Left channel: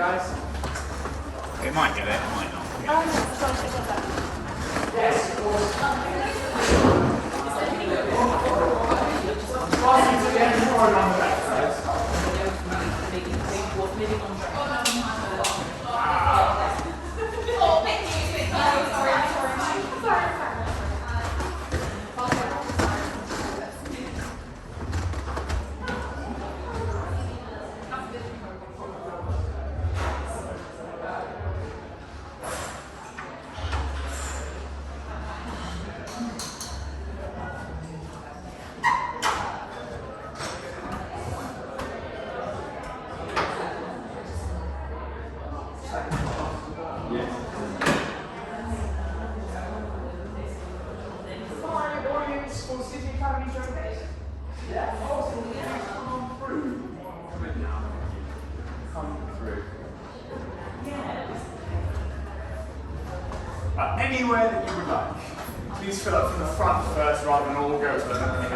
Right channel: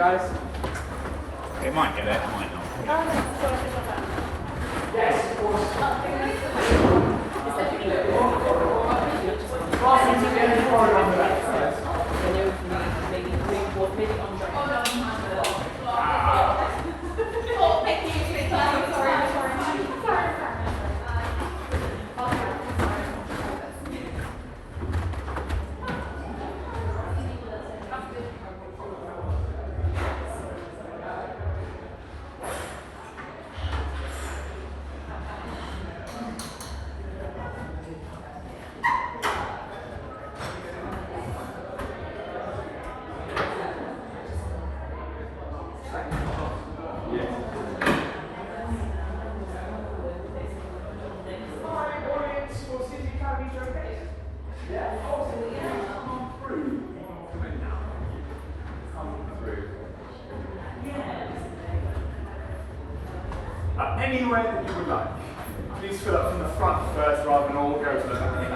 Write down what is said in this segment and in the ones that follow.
It might get it, it might not. Anywhere that you would like. Please fill up from the front first rather than all go to the back.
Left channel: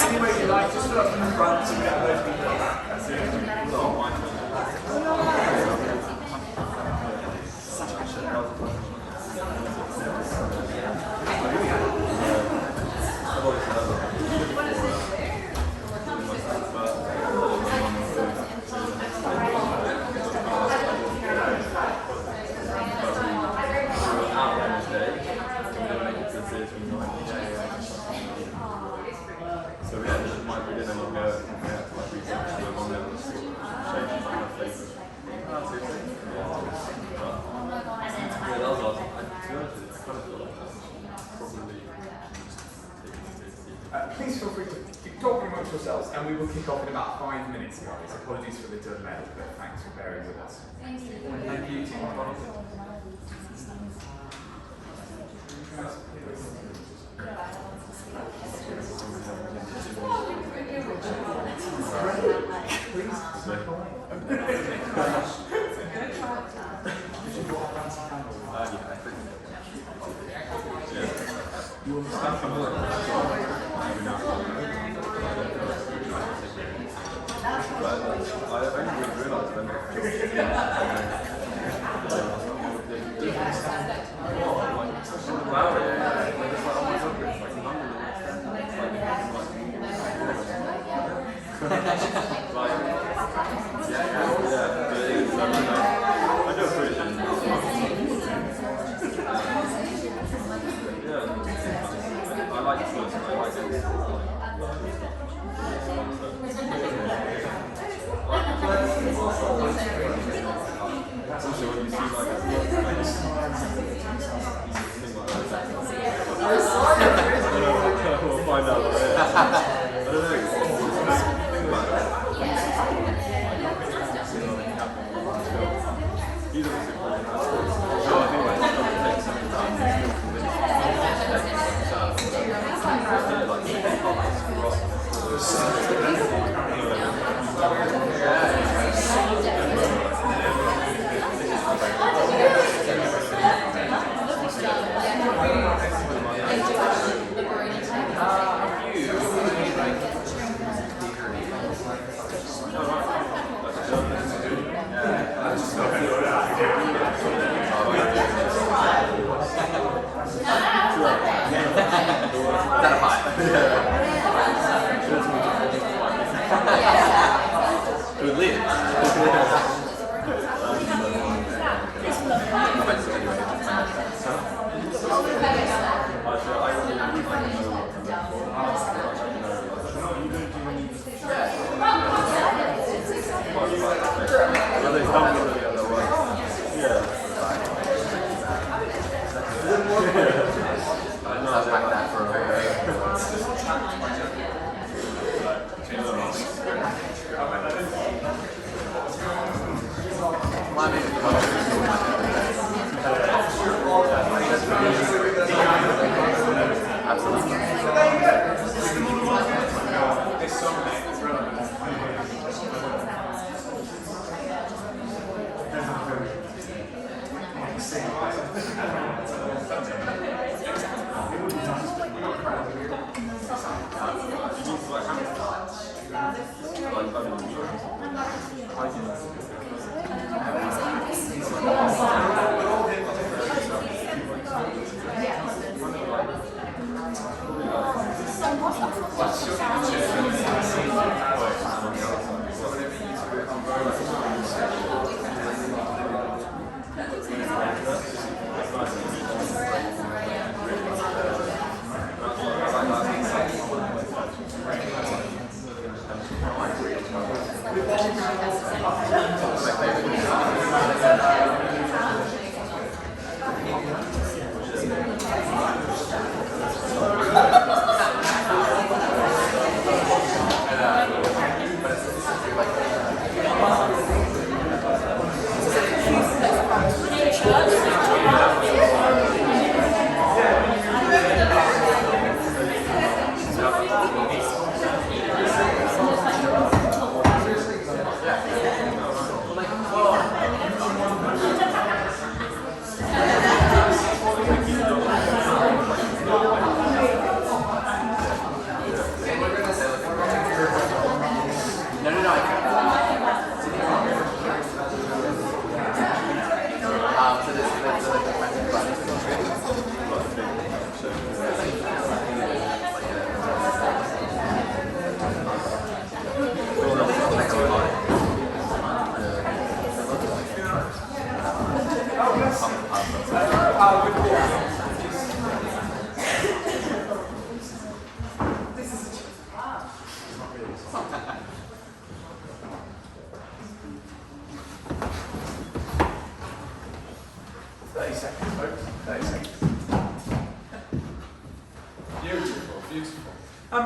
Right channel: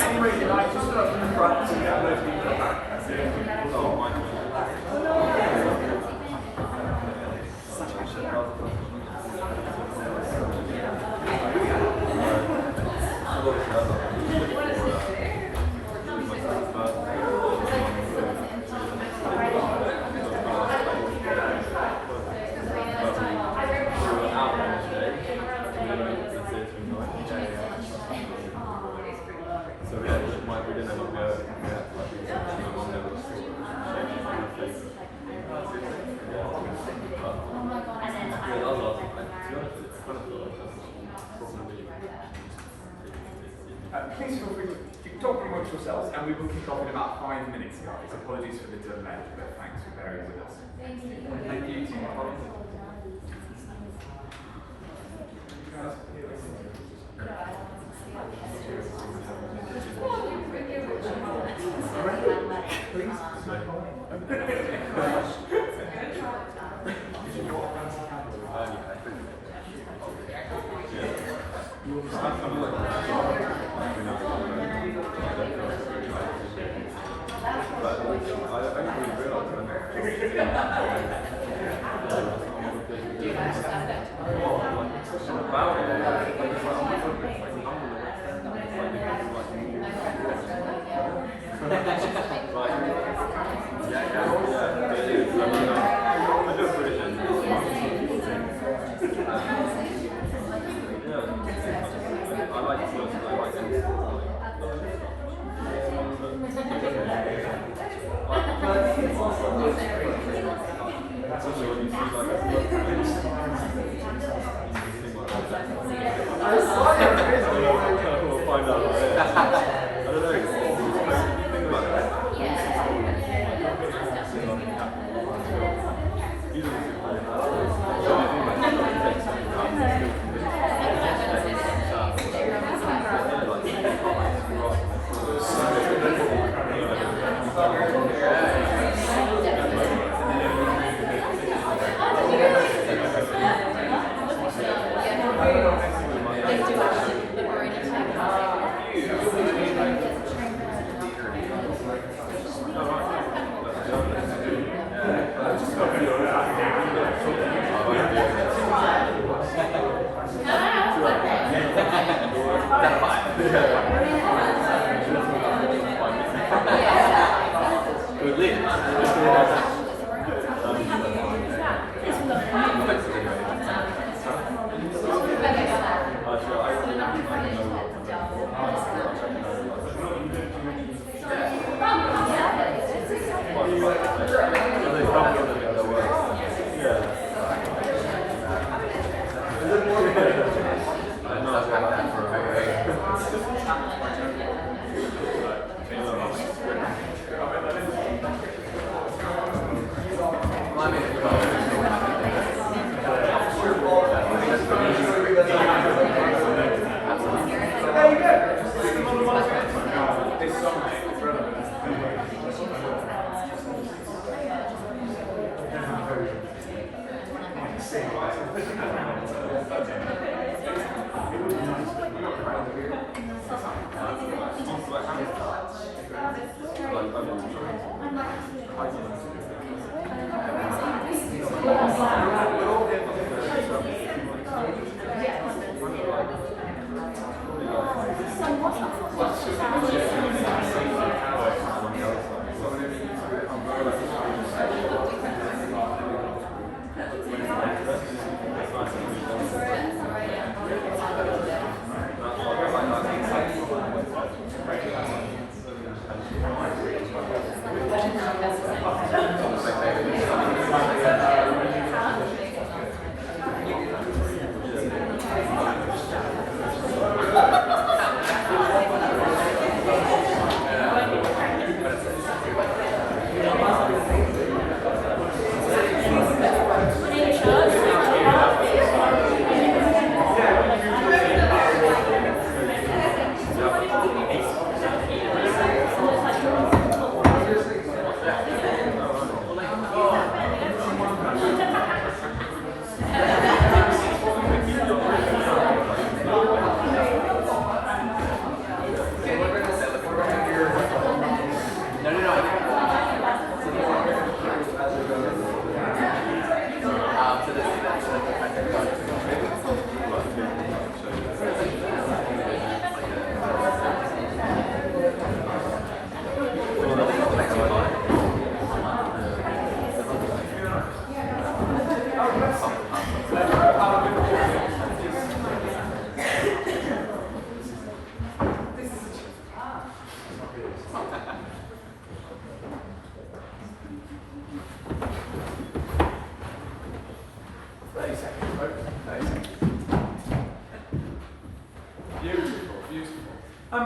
Anywhere you like, just fill up from the front so you get those people back. That's it. Please feel free to keep talking amongst yourselves, and we will kick off in about 5 minutes, guys. Apologies for the delay, but thanks for bearing with us. Thank you. Thank you.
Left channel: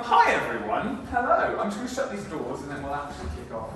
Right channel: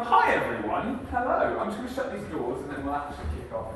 Hi everyone, hello. I'm just going to shut these doors and then we'll actually kick off.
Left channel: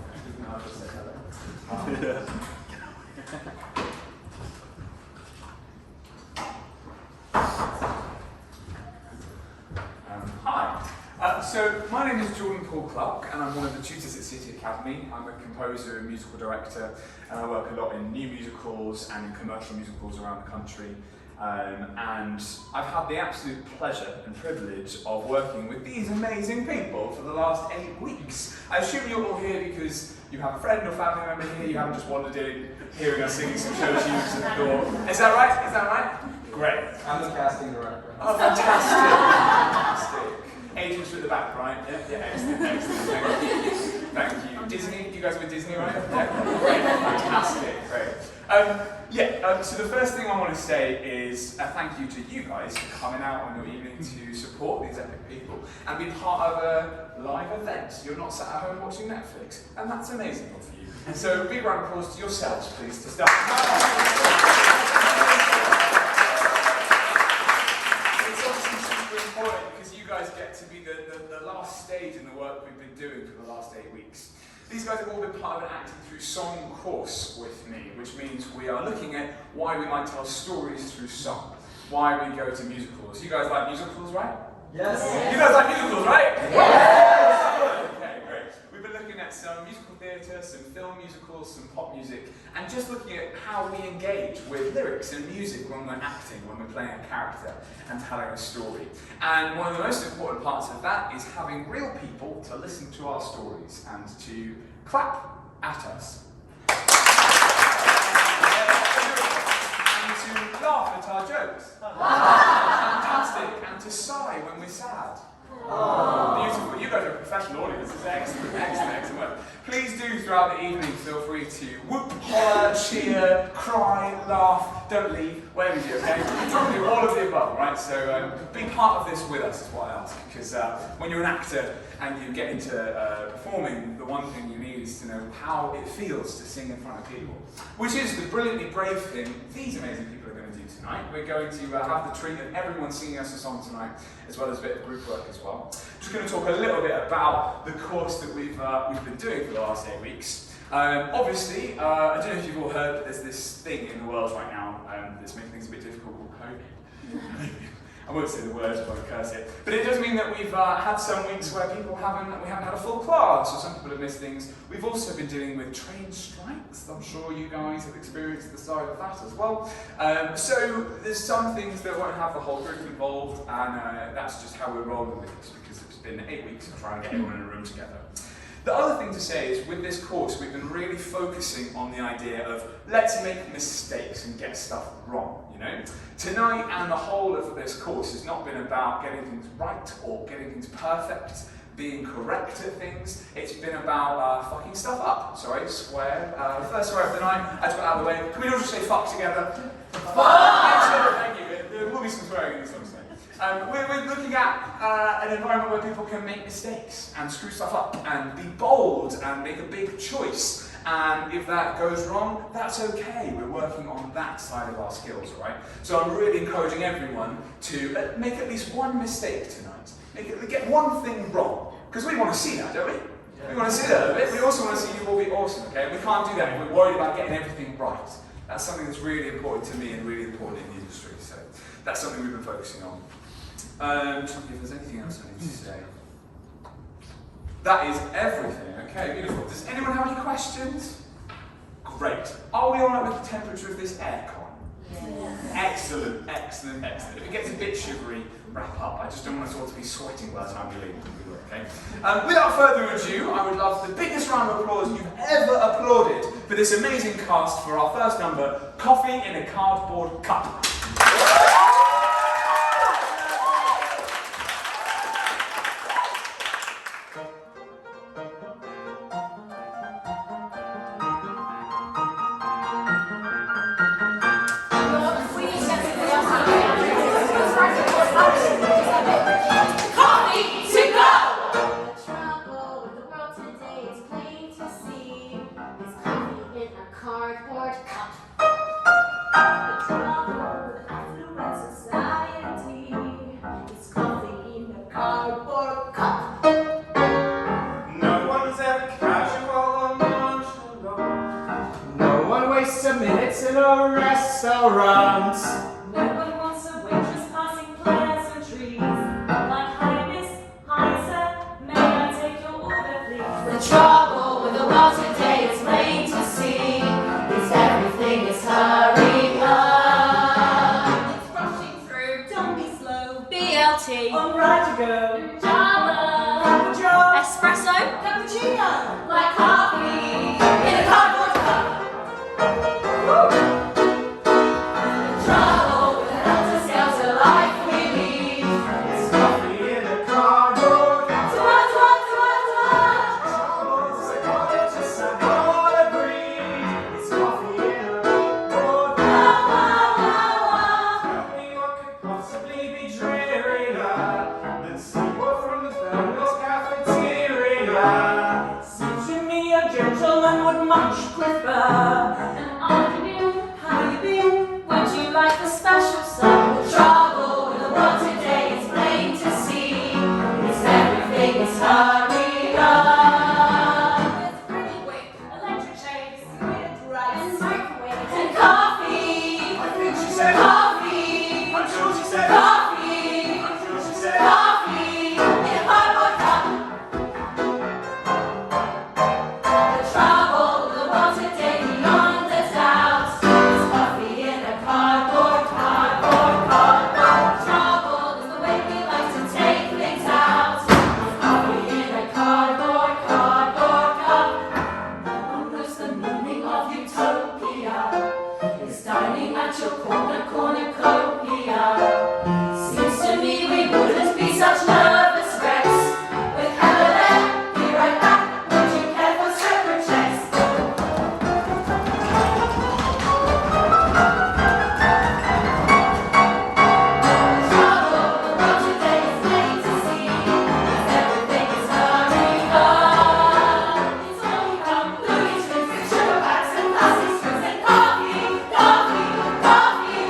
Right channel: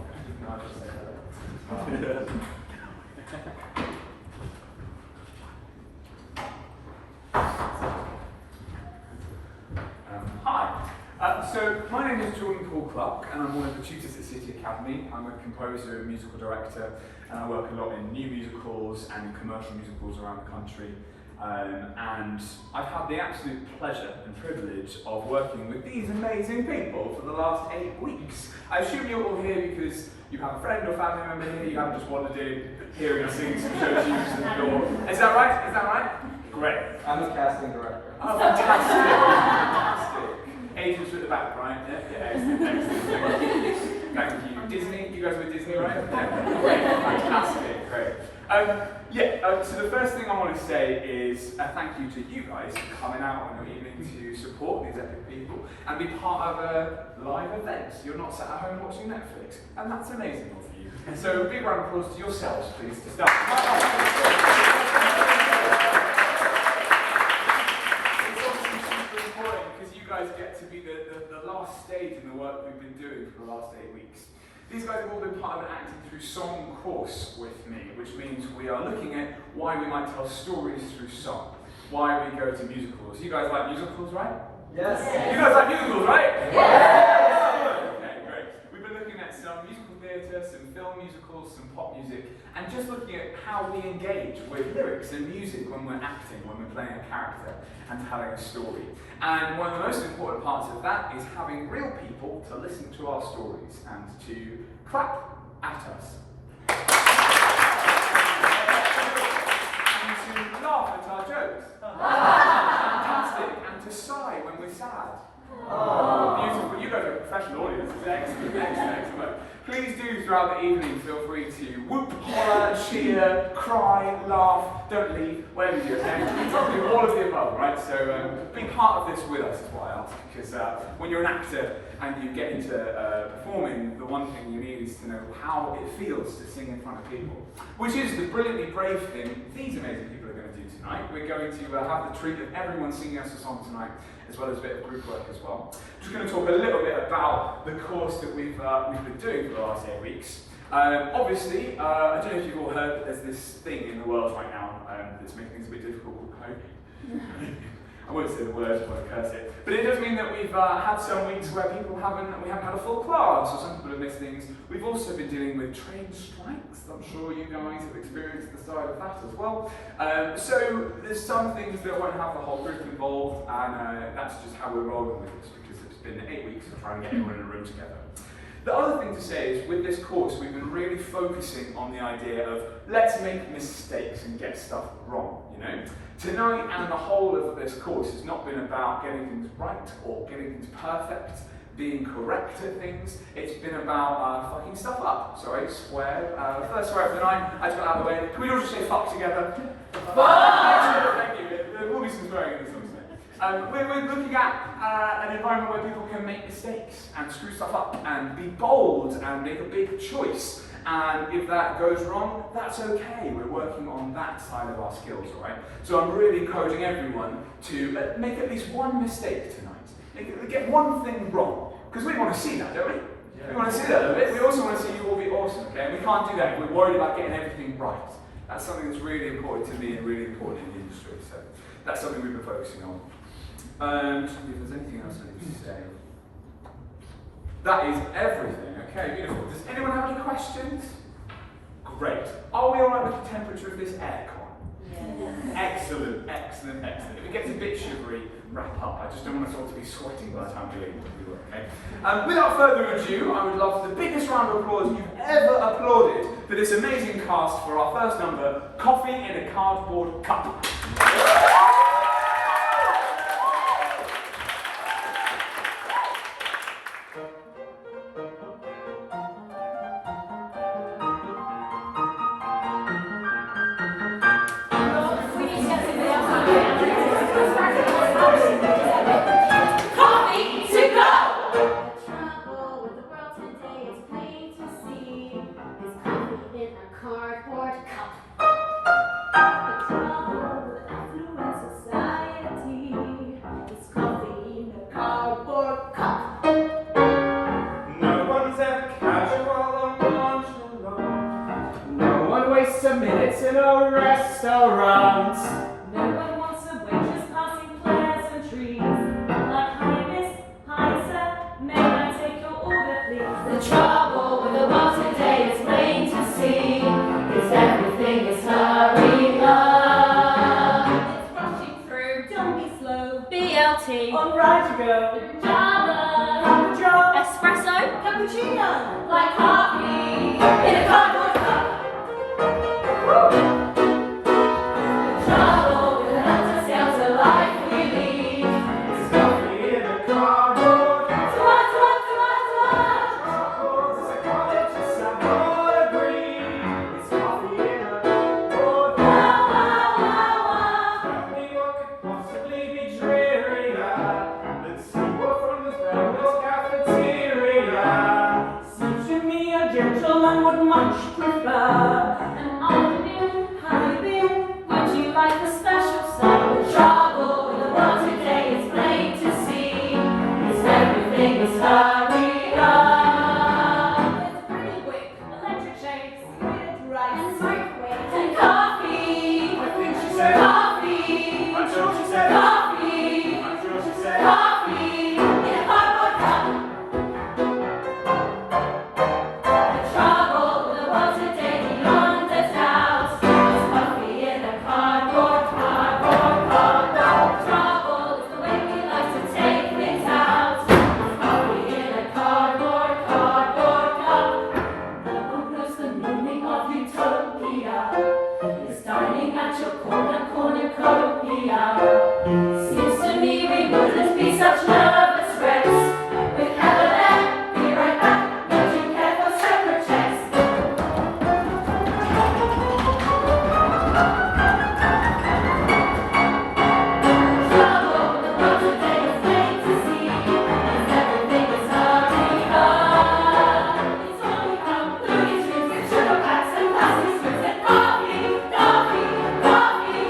Hi. So my name is Jordan Paul Clark and I'm one of the tutors at City Academy. I'm a composer and musical director and I work a lot in new musicals and in commercial musicals around the country. And I've had the absolute pleasure and privilege of working with these amazing people for the last 8 weeks. I assume you're all here because you have a friend or family member here, you haven't just wandered in, hearing us singing some show tunes at the door. Is that right? Is that right? Great. I'm the casting director. Oh, fantastic. Fantastic. Agents at the back, right? Yeah, excellent, excellent. Thank you. Disney, you guys were Disney, right? Yeah, great, fantastic, great. So the first thing I want to say is a thank you to you guys for coming out on your evening to support these epic people and be part of a live event. You're not sat at home watching Netflix, and that's amazing for you. So big round of applause to yourselves, please, to start. Because you guys get to be the last stage in the work we've been doing for the last 8 weeks. These guys have all been part of an acting through song course with me, which means we are looking at why we might tell stories through song, why we go to musicals. You guys like musicals, right? Yes. You guys like musicals, right? Yes. Okay, great. We've been looking at some musical theatre, some film musicals, some pop music, and just looking at how we engage with lyrics and music when we're acting, when we're playing a character and telling a story. And one of the most important parts of that is having real people to listen to our stories and to clap at us. And to laugh at our jokes. Fantastic. And to sigh when we're sad. Oh, beautiful. You guys are a professional audience. It's excellent, excellent, excellent work. Please do, throughout the evening, feel free to whoop, holler, cheer, cry, laugh, don't leave, whatever you do, okay? Do all of the above, right? So be part of this with us is what I ask, because when you're an actor and you get into performing, the one thing you need is to know how it feels to sing in front of people, which is the brilliantly brave thing these amazing people are going to do tonight. We're going to have the treat of everyone singing us a song tonight, as well as a bit of group work as well. Just going to talk a little bit about the course that we've been doing for the last 8 weeks. Obviously, I don't know if you've all heard, but there's this thing in the world right now that's making things a bit difficult called COVID. I won't say the words, I won't curse it. But it does mean that we've had some weeks where we haven't had a full class, or some people have missed things. We've also been dealing with train strikes. I'm sure you guys have experienced the side of that as well. So there's some things that won't have the whole group involved, and that's just how we're rolling with this, because it's been 8 weeks of trying to get everyone in a room together. The other thing to say is, with this course, we've been really focusing on the idea of let's make mistakes and get stuff wrong, you know? Tonight and the whole of this course has not been about getting things right or getting things perfect, being correct at things. It's been about fucking stuff up. Sorry, swear. First swear of the night. I just got out of the way. Can we all just say fuck together? Fuck! Thank you. There will be some swearing in this one today. We're looking at an environment where people can make mistakes and screw stuff up and be bold and make a big choice. And if that goes wrong, that's okay. We're working on that side of our skills, right? So I'm really encouraging everyone to make at least one mistake tonight. Get one thing wrong. Because we want to see that, don't we? Yeah. We want to see that a bit. We also want to see you all be awesome, okay? And we can't do that if we're worried about getting everything right. That's something that's really important to me and really important in the industry. So that's something we've been focusing on. And if there's anything else I need to say. That is everything. Okay, beautiful. Does anyone have any questions? Great. Are we all right with the temperature of this aircon? Yeah. Excellent, excellent, excellent. If it gets a bit shivery, wrap up. I just don't want us all to be sweating by the time we leave. Okay? Without further ado, I would love the biggest round of applause you've ever applauded for this amazing cast for our first number, Coffee in a Cardboard Cup. In a restaurant. No one wants a waitress passing plants and trees. Like, hi miss, hi sir, may I take your order please? The trouble with the world today is plain to see, is everything is hurry up. It's rushing through, don't be slow. BLT, On right to go. Java, espresso, cappuccino, Like coffee in a cardboard cup. Trouble with an helter-skelter life we lead. It's coffee in a cardboard cup. Troubles and colleges are all agreed. It's coffee in a cardboard cup. Tell me what could possibly be drearier than seawater from the Bell's cafeteria. Seems to me a gentleman would much prefer. How you been? Would you like a special song? The trouble with the world today is plain to see, is everything is hurry up. It's pretty whip, electric shades, weird rice, and microwaves, And coffee, I think she said coffee, I'm sure she said coffee, I'm sure she said coffee in a cardboard cup. The trouble with the world today beyond a doubt is coffee in a cardboard, cardboard, cardboard. Trouble is the way we like to take things out. It's coffee in a cardboard, cardboard cup. No one knows the meaning of utopia. It's dining at your cornucopia. Seems to me we wouldn't be such nervous wrecks. With Heather there, be right back. Would you care for separate checks? Trouble with the world today is plain to see, is everything is hurry up. It's only come Louis drinks and sugar packs and plastic strips and coffee, coffee, coffee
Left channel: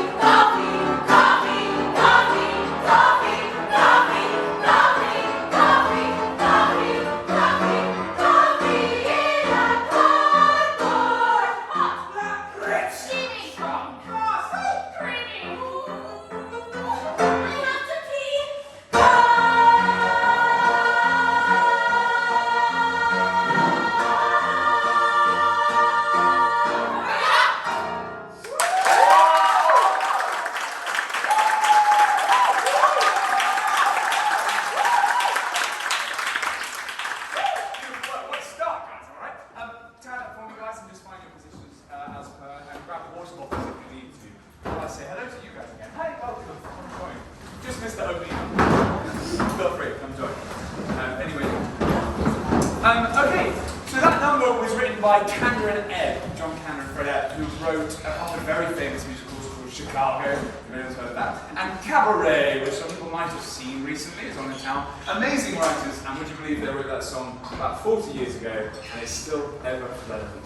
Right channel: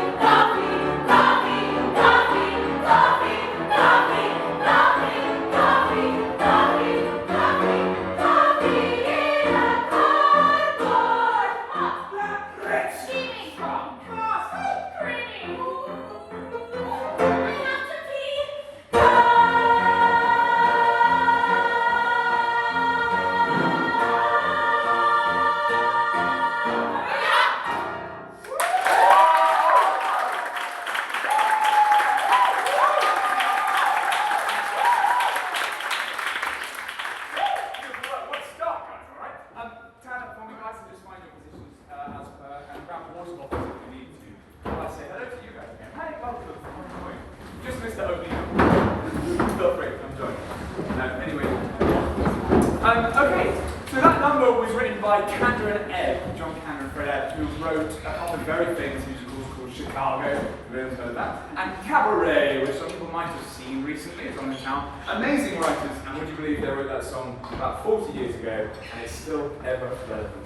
song that was written by Kander and Ebb, John Kander and Fred Ebb, who wrote a couple of very famous musicals called Chicago, if anyone's heard of that, and Cabaret, which some people might have seen recently. It's on the town. Amazing writers, and would you believe they wrote that song about 40 years ago, and it's still ever relevant.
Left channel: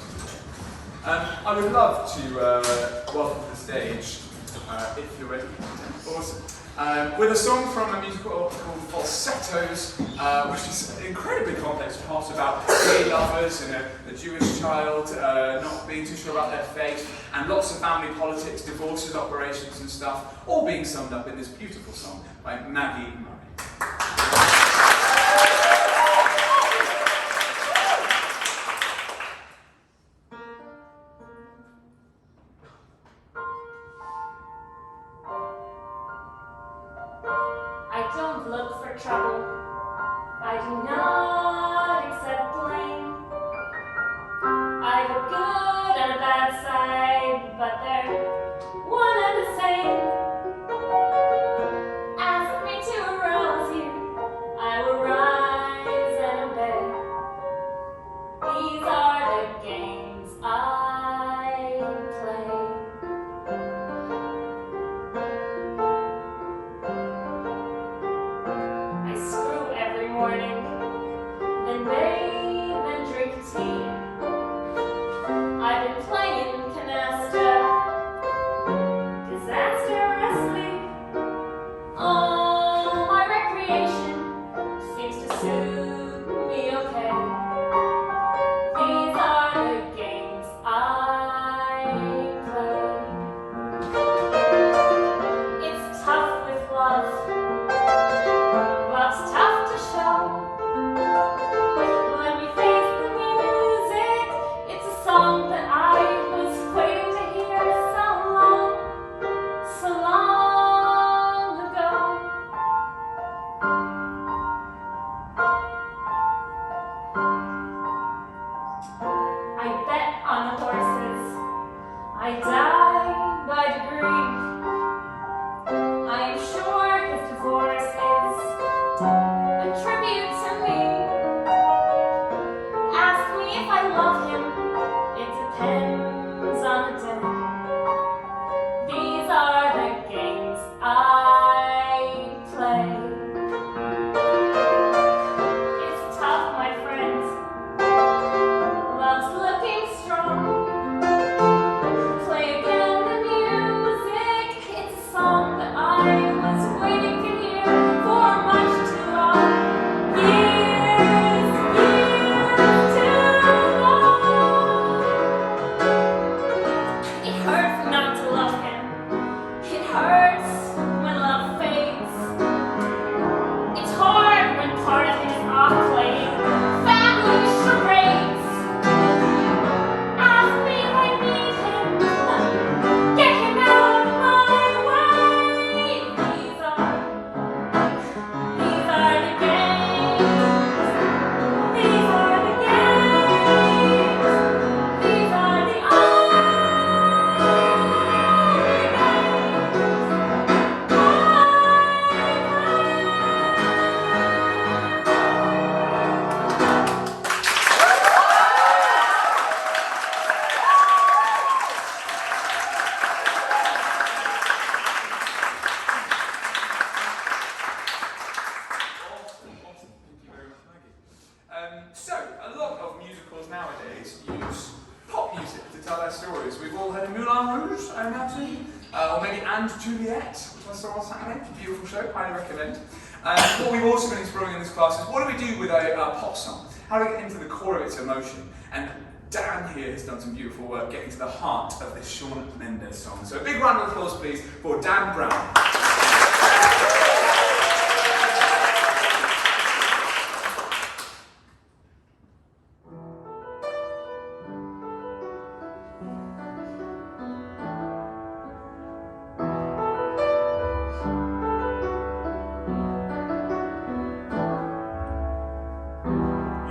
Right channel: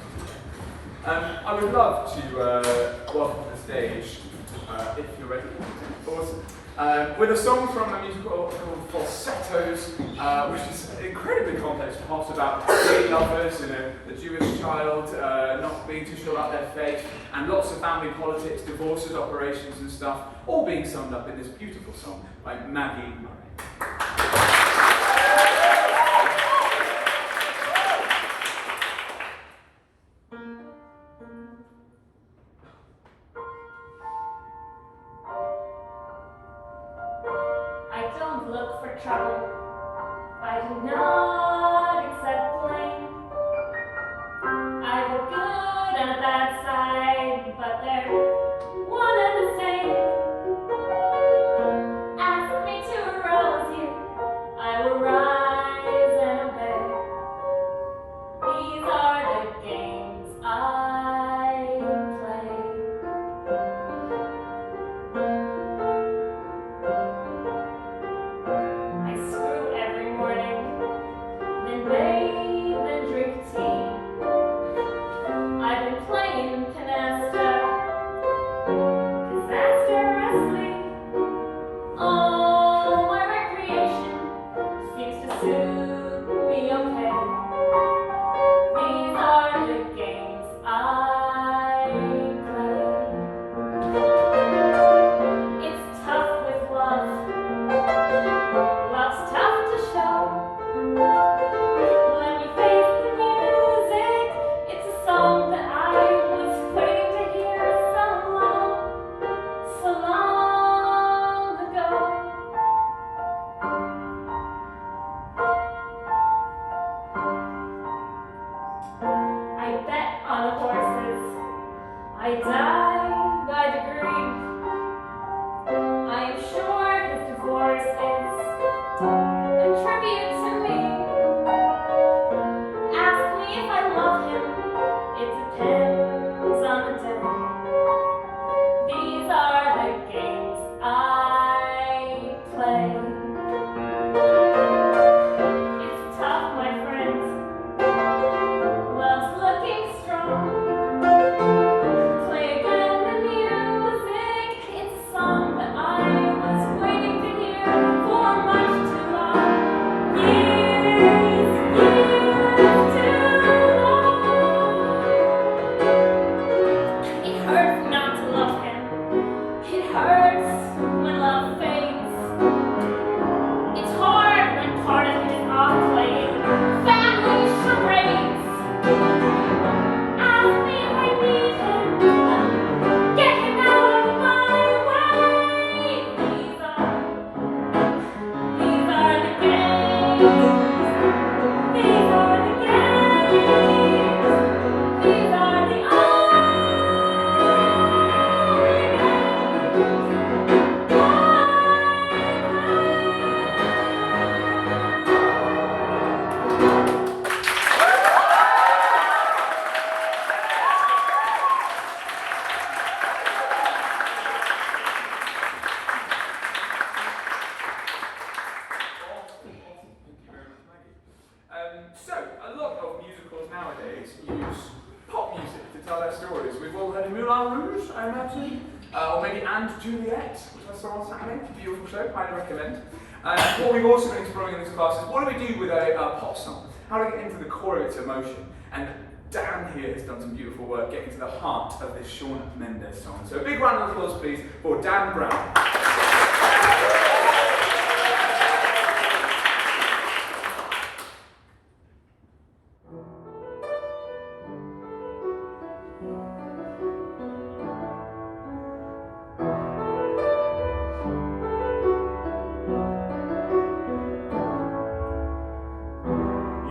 I would love to welcome to the stage, if you're ready, awesome. With a song from a musical called Falsettos, which is an incredibly complex plot about gay lovers and a Jewish child not being too sure about their faith, and lots of family politics, divorces, operations and stuff, all being summed up in this beautiful song by Maggie. I don't look for trouble. I do not accept blame. I've a good and a bad side, but they're one and the same. Ask me to arouse you, I will rise and obey. These are the games I play. I screw every morning, then bathe and drink tea. I've been playing canasta, disastrously. All my recreation seems to suit me okay. These are the games I play. It's tough with love. Love's tough to show. When we face the music, it's a song that I was waiting to hear so long ago. I bet on the horses. I die by degree. I am sure his divorce is a tribute to me. Ask me if I love him, it depends on the day. These are the games I play. It's tough, my friends. Love's looking strong. Play again the music. It's a song that I was waiting to hear for much too long. Years too long. It hurts not to love him. It hurts when love fades. It's hard when part of it is off playing family charades. Ask me if I need him. Get him out of my way. These are the games. These are the games. These are the only So, a lot of musicals nowadays use pop music to tell their stories. We've all heard of Moulin Rouge, I imagine, or maybe And Juliet, which I saw on Saturday. Beautiful show, highly recommend. What we've also been exploring in this class is what do we do with a pop song? How do we get into the core of its emotion? And Dan here has done some beautiful work getting to the heart of this Shawn Mendes song. So a big round of applause, please, for Dan Brown.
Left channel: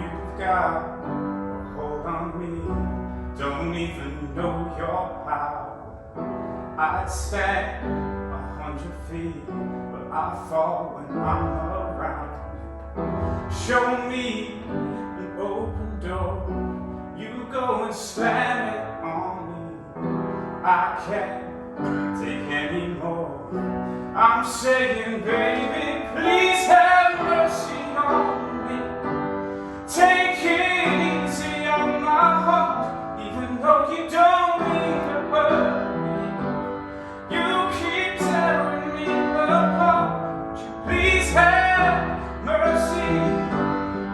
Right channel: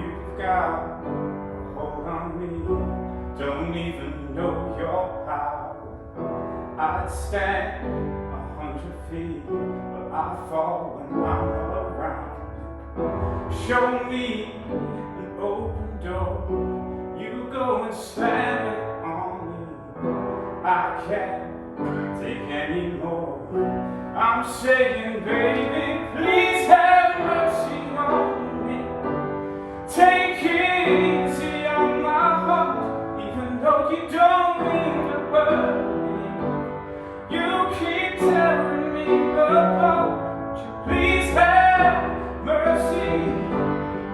You've got a hold on me, don't even know your power. I'd stand 100 feet, but I fall when I'm around. Show me an open door, and slam it on me. I can't take any more. I'm saying, baby, please have mercy on me. Take it easy on my heart, even though you don't mean to hurt me. You keep tearing me apart. Would you please have mercy,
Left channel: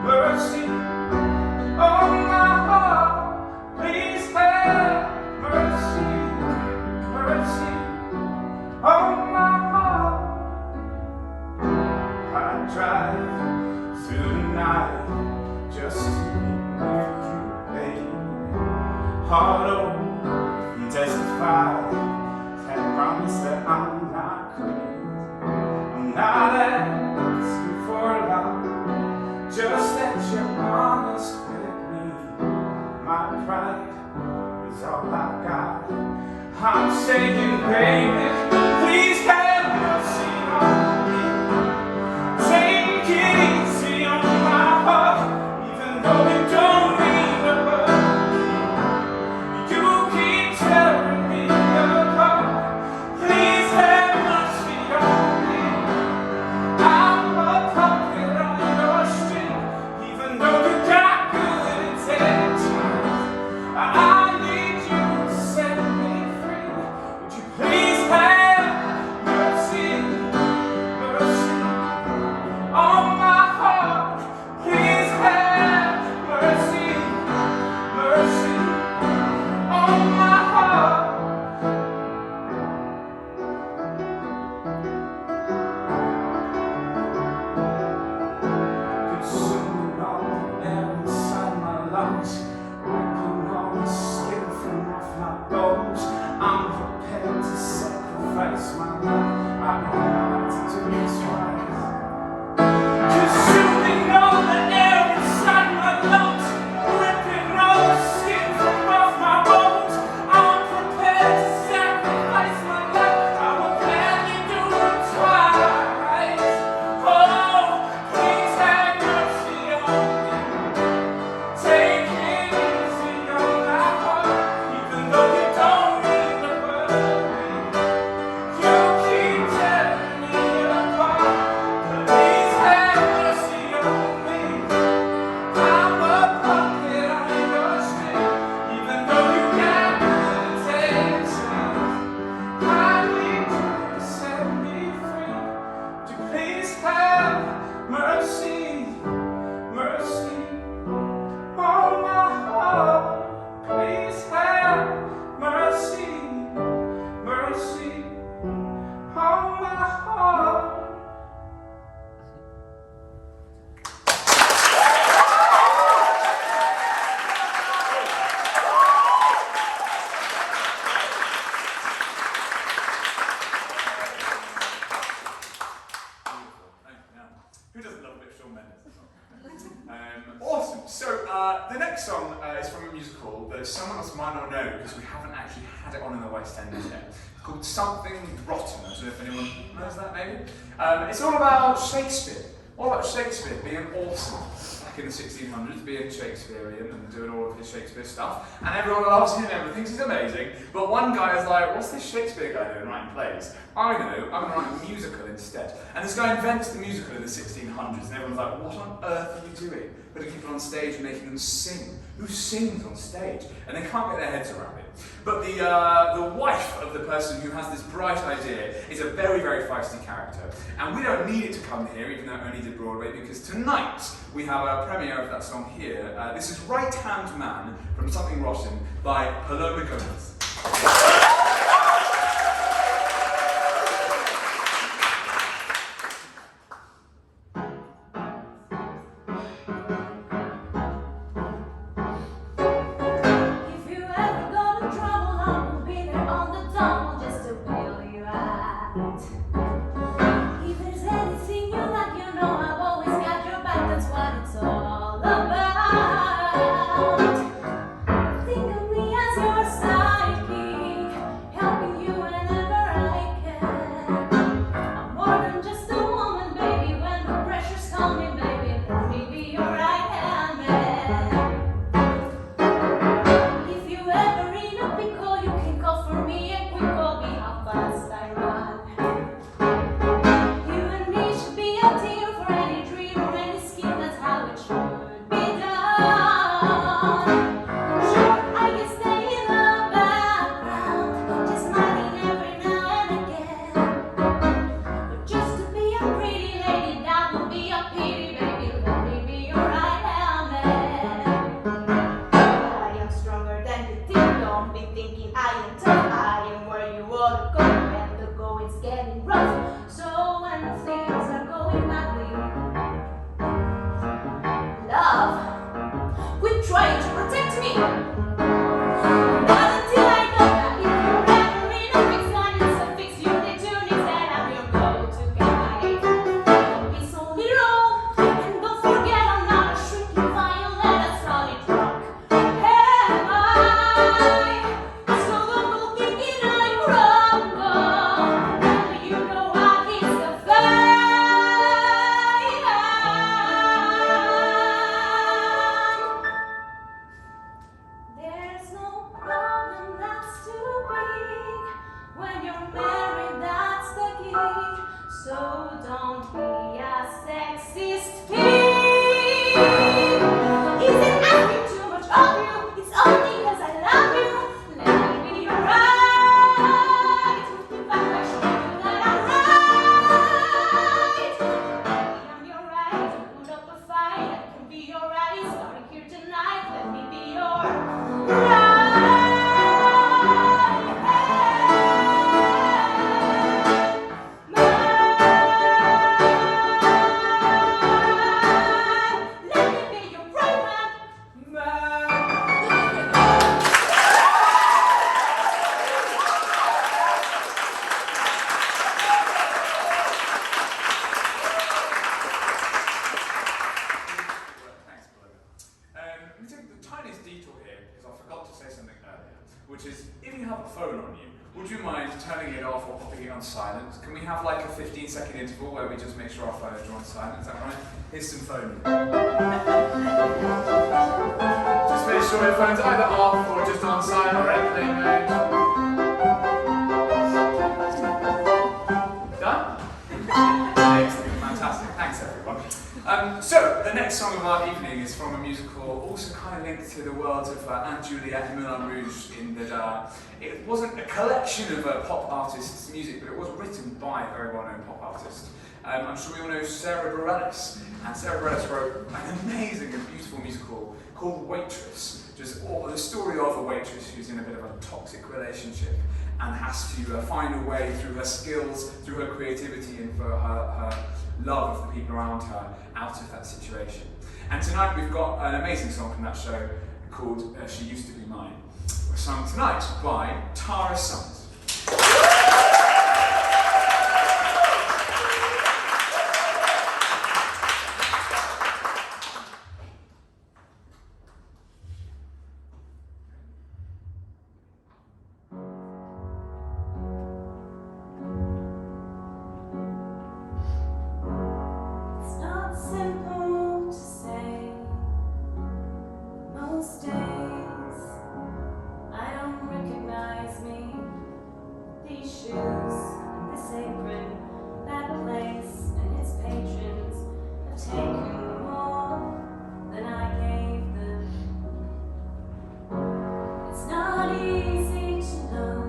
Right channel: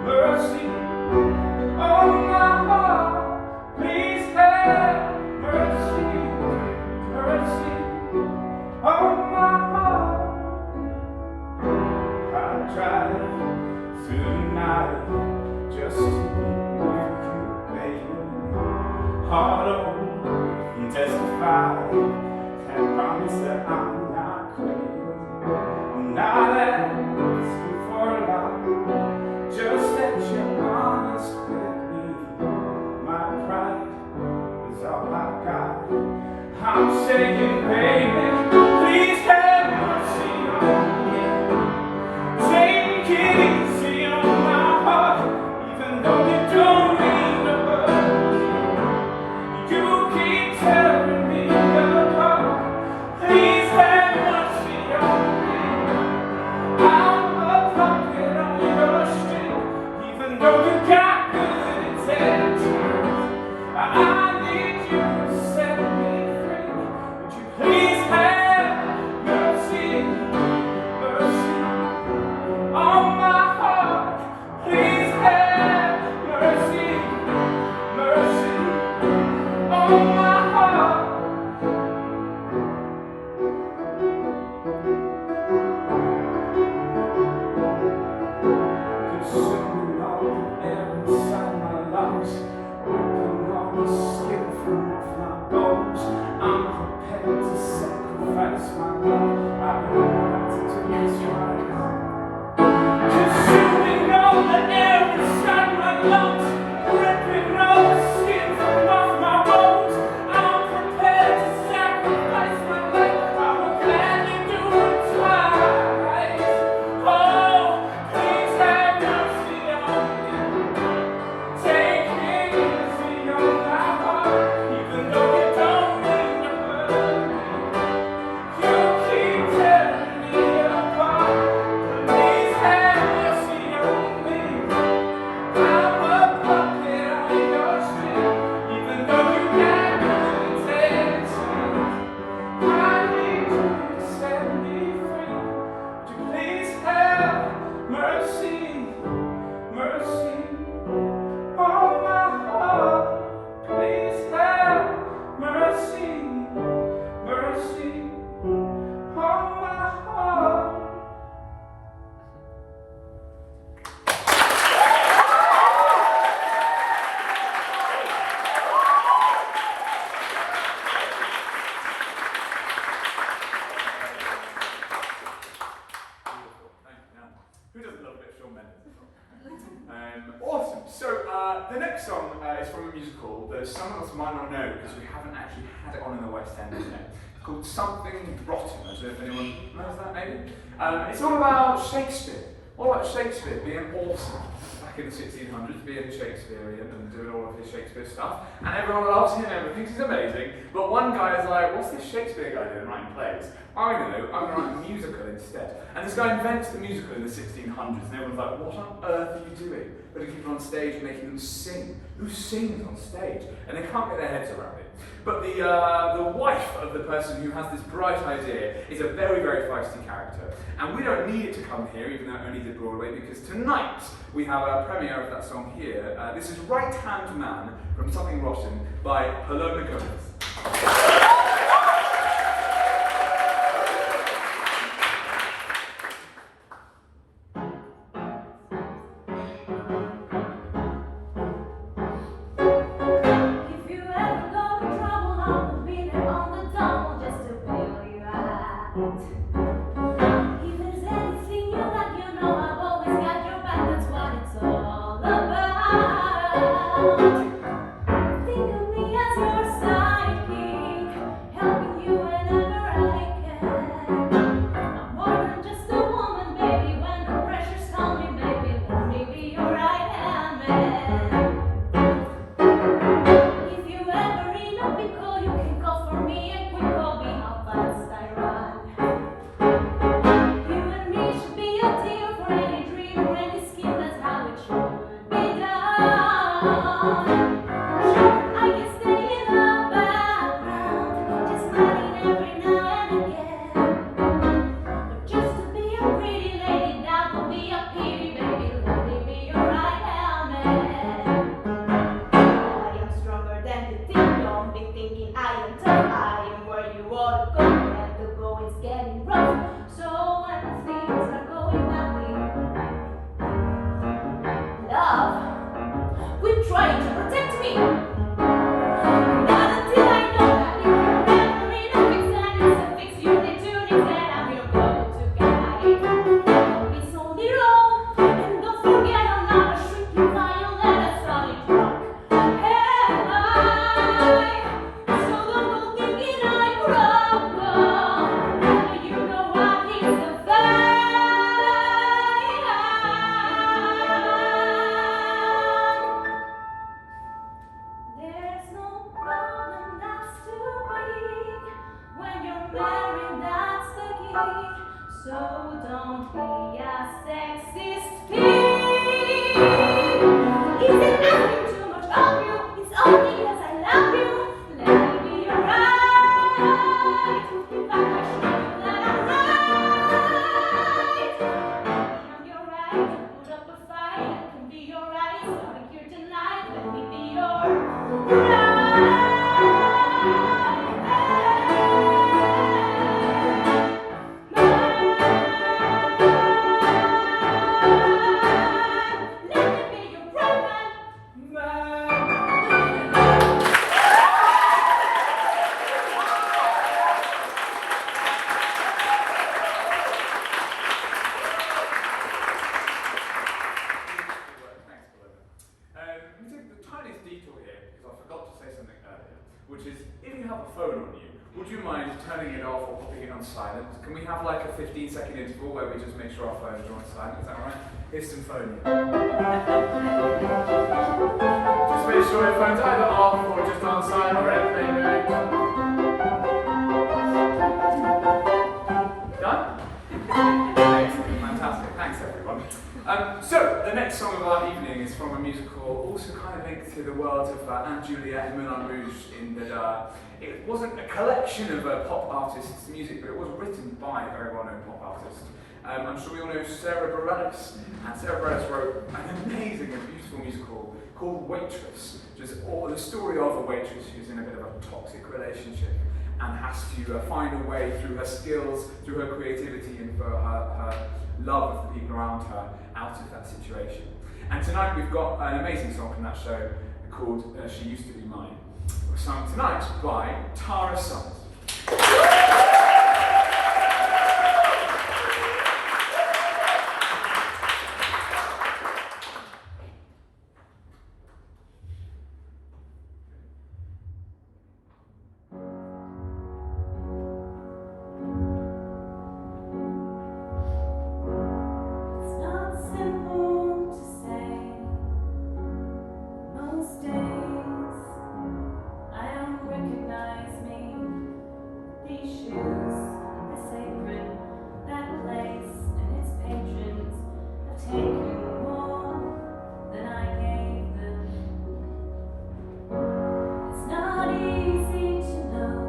mercy on my heart? Please have mercy, mercy on my heart. I drive through the night just to be with you, baby. Heart open and testify, and promise that I'm not crazy. I'm not asking for a lot, just that you're honest with me. My pride is all I've got. I'm saying, baby, please have mercy on me. Take it easy on my heart, even though you don't mean to hurt me. You keep tearing me apart. Please have mercy on me. I'm a puppet on your string, even though you got good intentions. I need you to set me free. Would you please have mercy, mercy on my heart? Please have mercy, mercy on my heart. Consuming all the air inside my lungs, ripping all the skin from off my bones. I'm prepared to sacrifice my life. I've been out to do this right. Consuming all the air inside my lungs, ripping all the skin from off my bones. I'm prepared to sacrifice my life. I would gladly do it twice. Oh, please have mercy on me. Take it easy on my heart, even though you don't mean to hurt me. You keep tearing me apart. Please have mercy on me. I'm a puppet on your string, even though you got good intentions. I need you to set me free. Would you please have mercy, mercy on my heart? Please have mercy, mercy on my heart. Who doesn't love a bit of Shawn Mendes? Awesome. So the next song is from a musical that some of us might not know because we haven't actually had it on in the West End yet. It's called Something Rotten. I don't know if anyone knows that, maybe. It's all about Shakespeare. All about Shakespeare being awesome back in the 1600s, being Shakespearean and doing all of his Shakespeare stuff. And everyone loves him, everyone thinks he's amazing. But one guy is like, what's this Shakespeare guy doing writing plays? I'm going to write a musical instead. And this guy invents the musical in the 1600s, and everyone's like, what on earth are you doing? Putting people on stage, making them sing. Who sings on stage? And they can't get their heads around it. But the wife of the person who has this bright idea is a very, very feisty character. And we don't need it to come here, even though it only did Broadway, because tonight we have a premiere of that song here. This is Right Hand Man from Something Rotten by Paloma Gomez. Think of me as your sidekick. deeper than the deep. Don't be thinking I am tough, I am where you ought to go when the going's getting rough. So when things are going badly, love, quit trying to protect me. Not until I know that if you're ever in a fix, that it's a fix you need to nix, then I'm your go-to guy. Don't be so little, and don't forget I'm not a shrinking violet, a solid rock. Am I? So the world thinking I crumble. Now you know what is the fight. There's no problem that's too big. When you're married, that's the gig. So don't be a sexist pig. Is it asking too much of you? It's only because I love you. Let me be right. If I make sure you that I'm right. Maybe I'm your right to put up a fight. I can be your right. Starting here tonight. Let me be your right. Let me be your right man. Thanks, Belinda. Let me take the tiniest detour here because I forgot to say something earlier, which is if you have a phone on you, would you mind turning it off or popping it on silent? Can we have like a 15-second interval where we just make sure our phones are on silent? Is that right? Here's some phone. Just make sure your phone's either off or just on silent or airplane mode. Done? Excellent, fantastic. Thanks everyone. So, the next song of our evening is from a musical also kind of linked to the world of Aunt Juliette and Moulin Rouge in that it wasn't a collection of pop artists' music, but it was written by a very well-known pop artist. I'm sure we all know Sarah Bareilles, and Sarah Bareilles wrote an amazing and beautiful musical called Waitress, just the story of a waitress who's in a bit of a toxic relationship and has to find a way through her skills, through her creativity, and for her love of the people around her out of that situation. And tonight we've got an amazing song from that show called She Used to Be Mine. We're sung tonight by Tara Summers. It's not simple to say. Most days I don't recognize me. These shoes, this apron, that place and its patrons have taken more than I gave them. It's not easy to know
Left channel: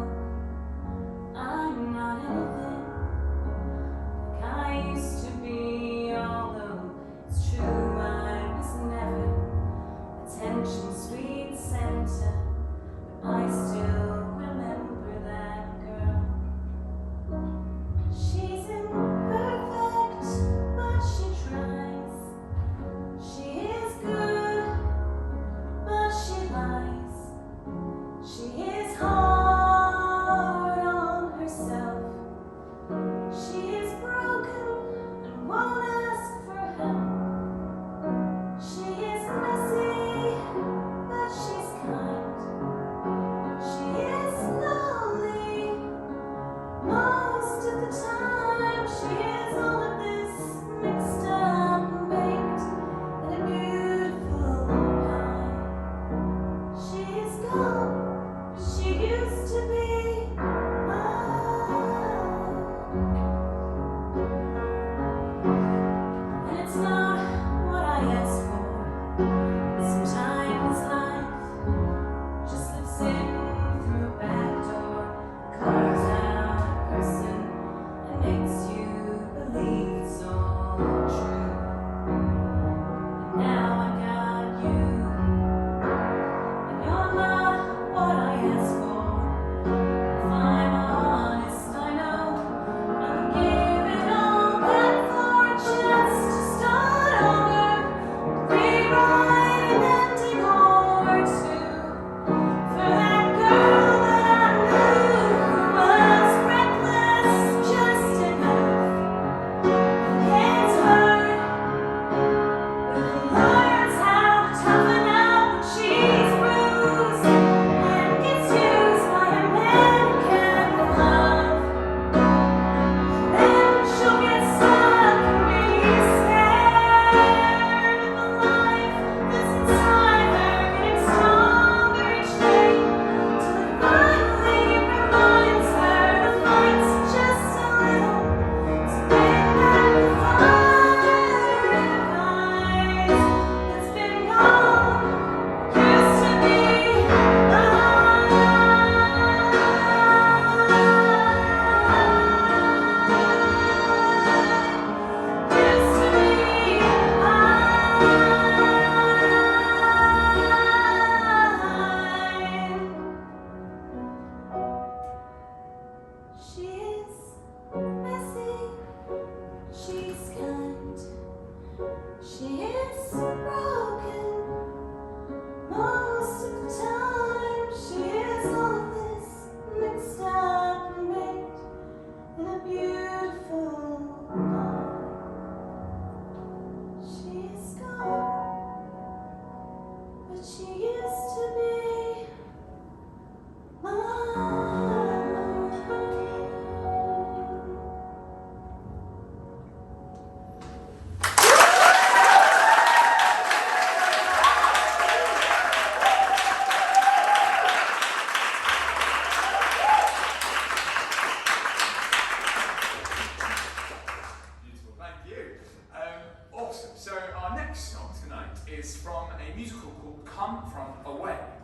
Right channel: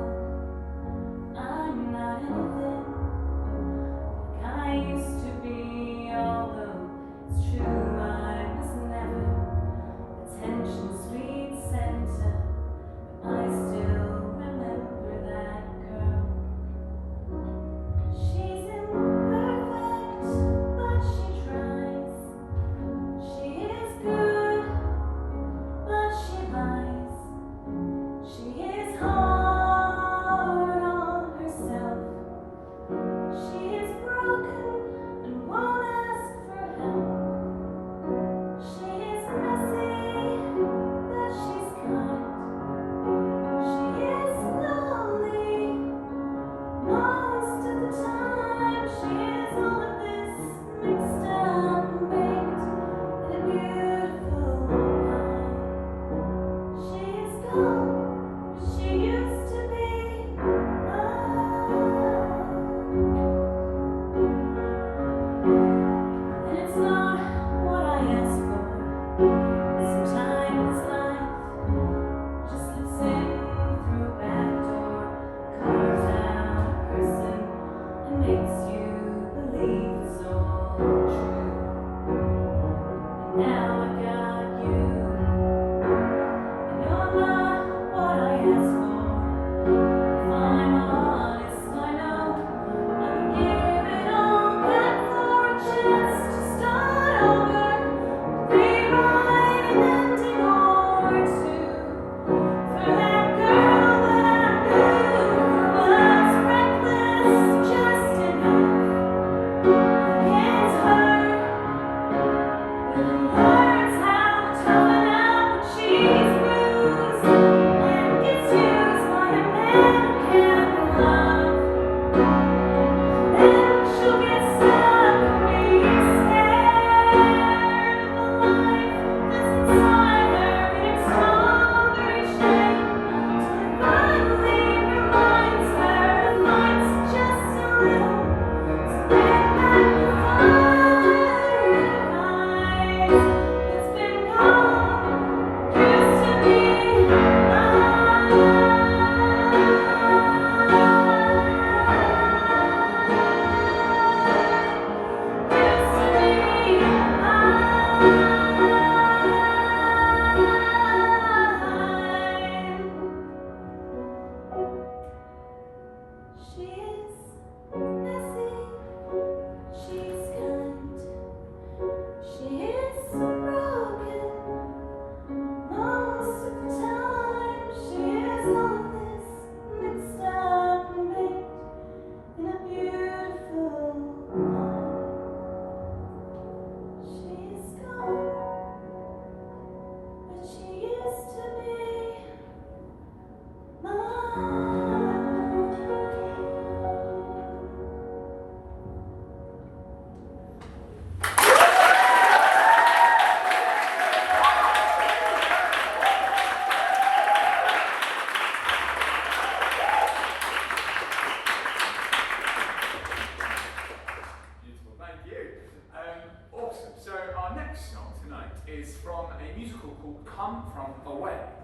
I'm not anything like I used to be, although it's true I was never attention's sweet center. But I still remember that girl. She's imperfect, but she tries. She is good, but she lies. She is hard on herself. She is broken and won't ask for help. She is messy, but she's kind. She is lonely most of the time. She is all of this mixed up and baked in a beautiful pie. She is gone, but she used to be mine. And it's not what I asked for. Sometimes life just slips in through a back door, carves out a person, and makes you believe it's all true. And now I got you, and you're not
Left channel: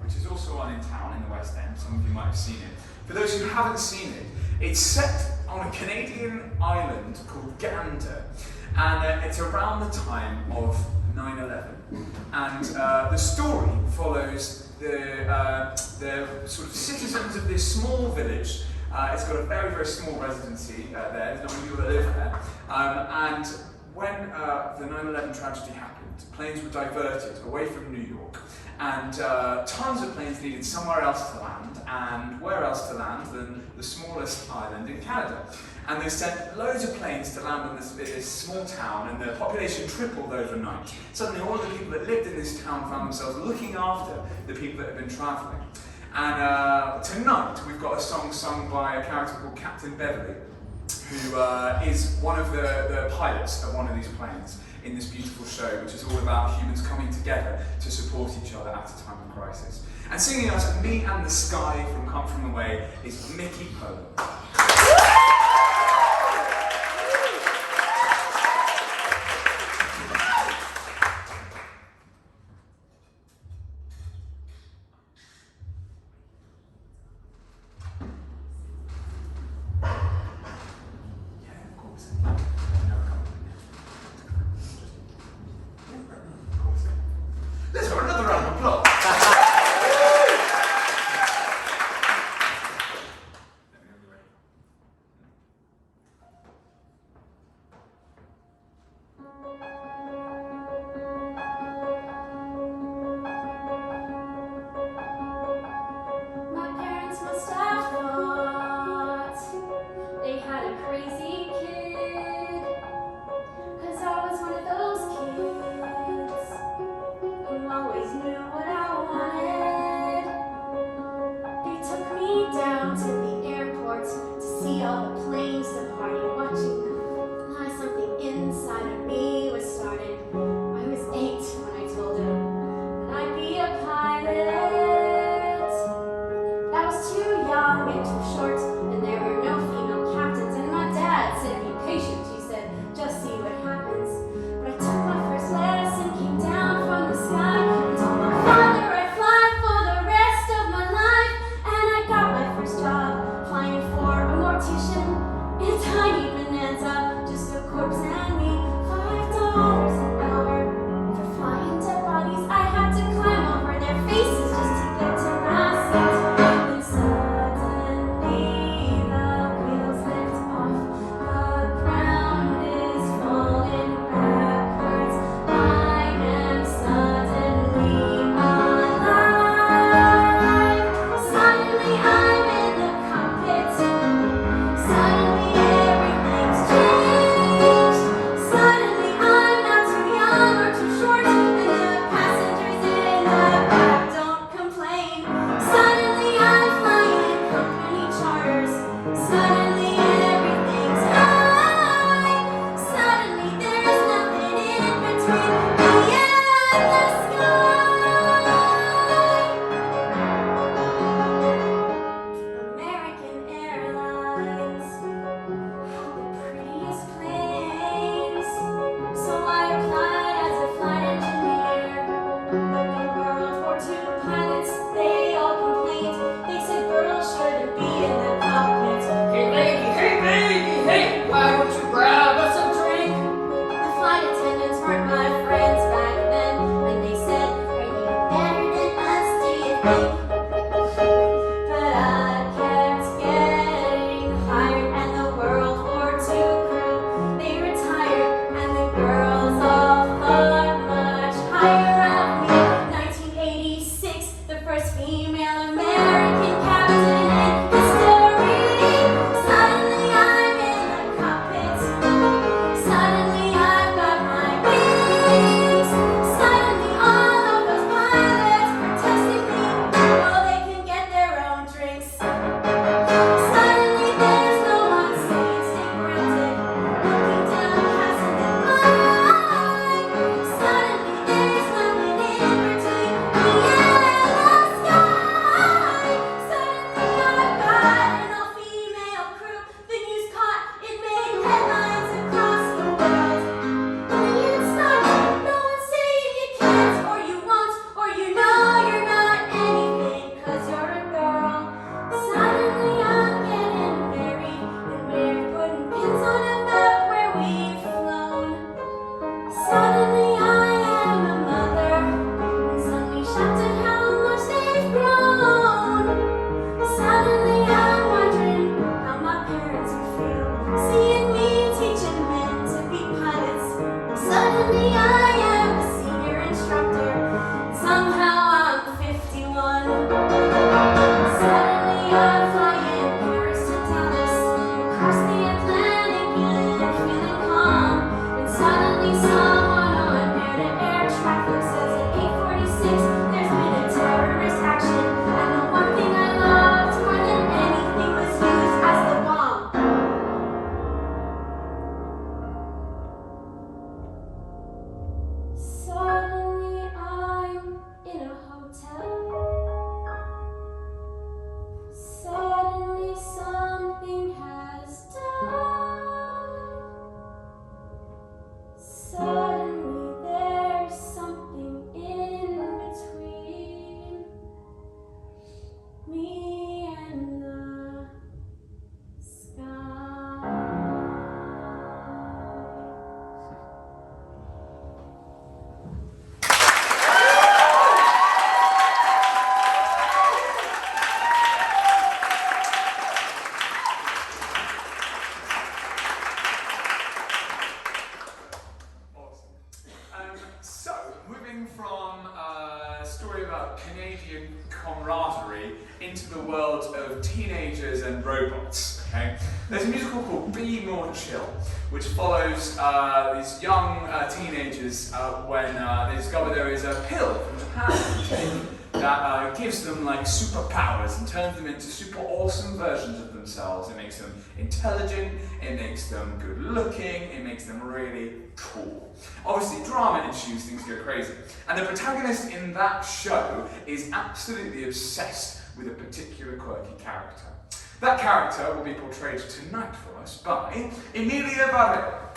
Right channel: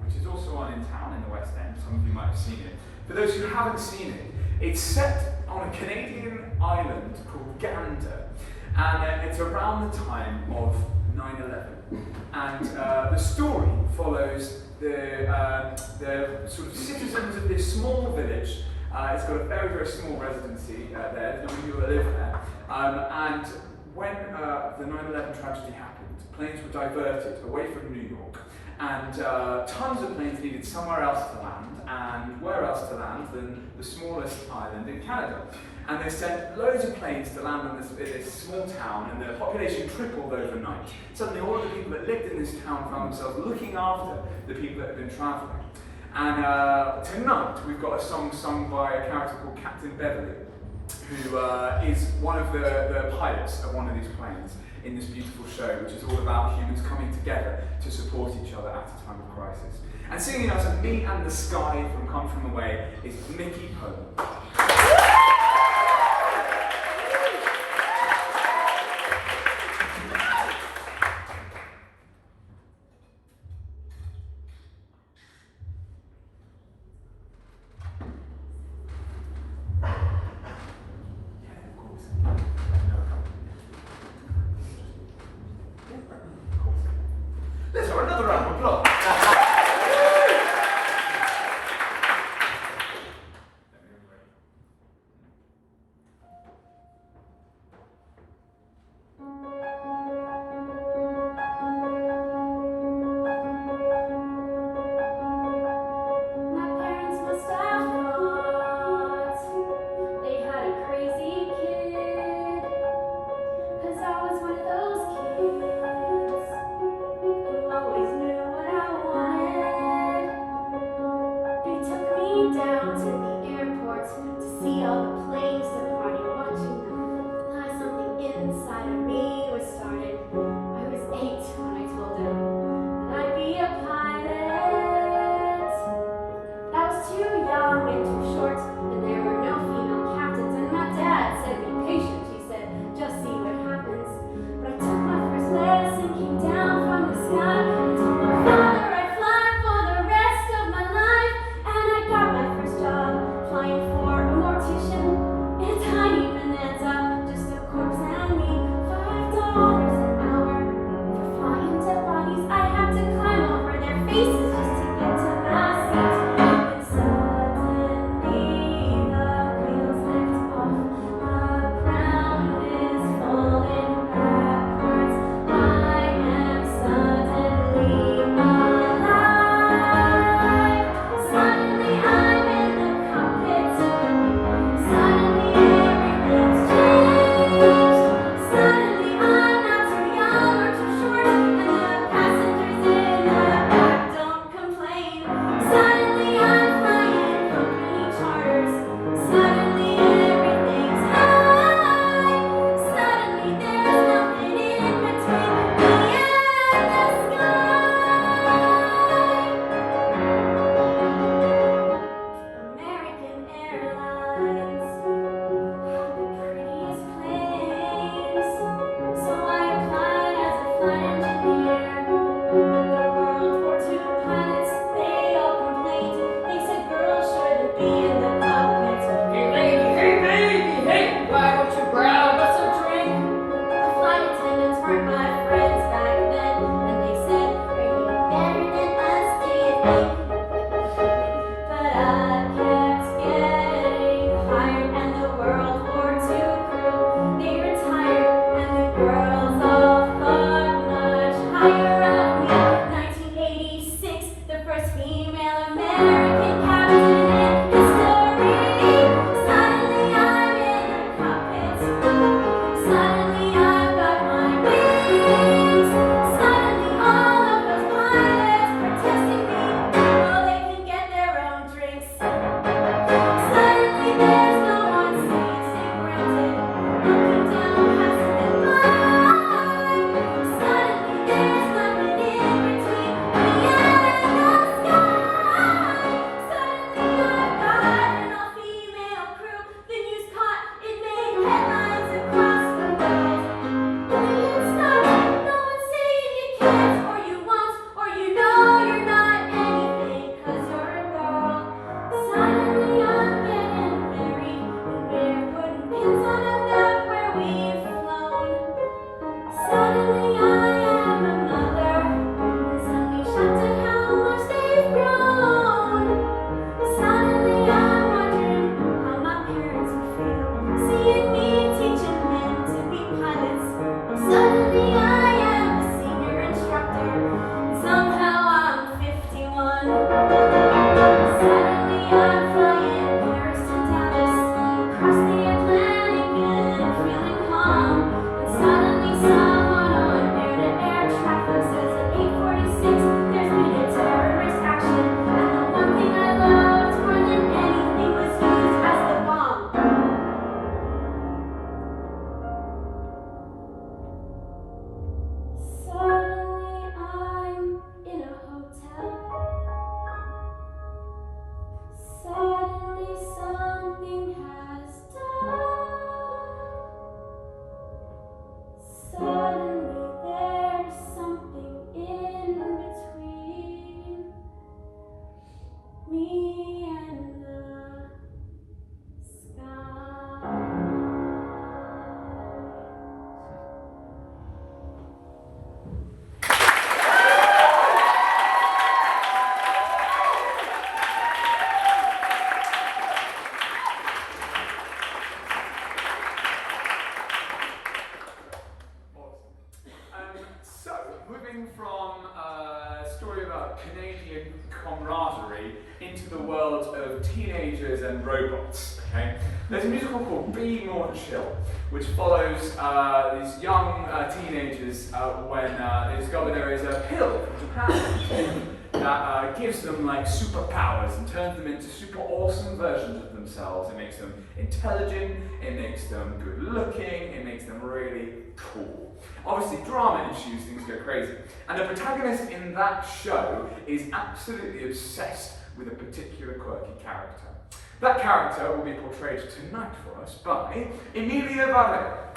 which is also on in town in the West End. Some of you might have seen it. For those who haven't seen it, it's set on a Canadian island called Gander, and it's around the time of 9/11. And the story follows the sort of citizens of this small village. It's got a very, very small residency there. There's not many people that live there. And when the 9/11 tragedy happened, planes were diverted away from New York. And tons of planes needed somewhere else to land, and where else to land than the smallest island in Canada. And they sent loads of planes to land in this small town, and the population tripled overnight. Suddenly all of the people that lived in this town found themselves looking after the people that had been travelling. And tonight we've got a song sung by a character called Captain Beverly, who is one of the pilots of one of these planes in this beautiful show, which is all about humans coming together to support each other at a time of crisis. And singing us Me and the Sky from Come From Away is Mickey Polo. Let's have another round of applause. Suddenly I'm flying Paris to Dallas, across the Atlantic and feeling calm. And suddenly someone on air-to-air traffic says at 8:46 there's been a terrorist action, and the one thing I loved more than anything was used as the bomb. Suddenly I'm in a hotel. Suddenly something has died. Suddenly there's something in between me and the sky. So, moving from a story about Canadian camaraderie into the world of teenagers and robots, okay? There's a musical called Be More Chill, which follows these young teenagers when they discover there is a pill from Japan okay, that gives them like superpowers and turns them into super awesome versions of themselves. It makes them intelligent, it makes them good looking, it makes them really cool. Obviously, drama ensues, things go crazy. And the protagonist in that show is absolutely obsessed with a particular quirky character. That character will be portrayed tonight for us by Emilia Valle.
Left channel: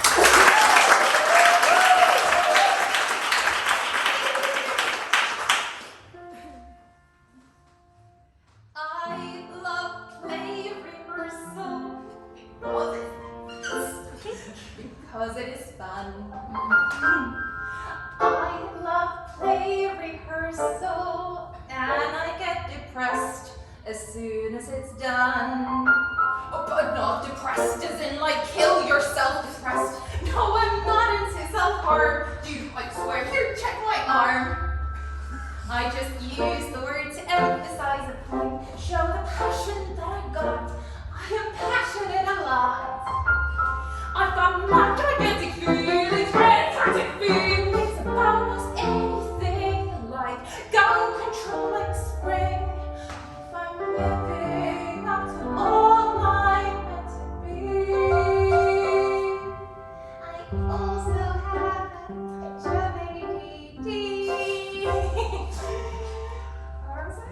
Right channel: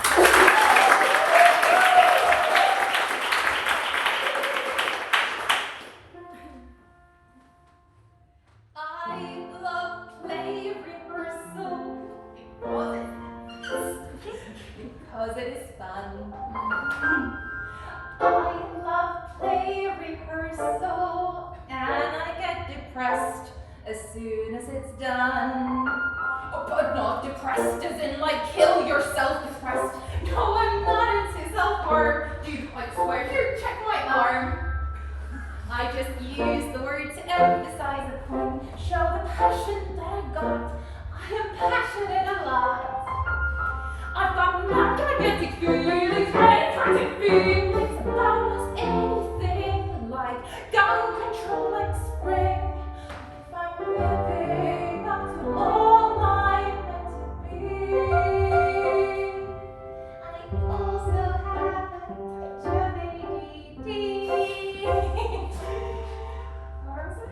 I love play rehearsal because it is fun. I love play rehearsal and I get depressed as soon as it's done. Oh, but not depressed as in like kill yourself depressed. No, I'm not into self-harm. Dude, I swear, here, check my arm. I just use the word to emphasize a point, show the passion that I got. I am passionate a lot. I've got mad gigantic feelings, fantastic feelings about almost anything, like gun control like spring. If I'm living up to all I'm meant to be, I also have a touch of ADD. Or was it?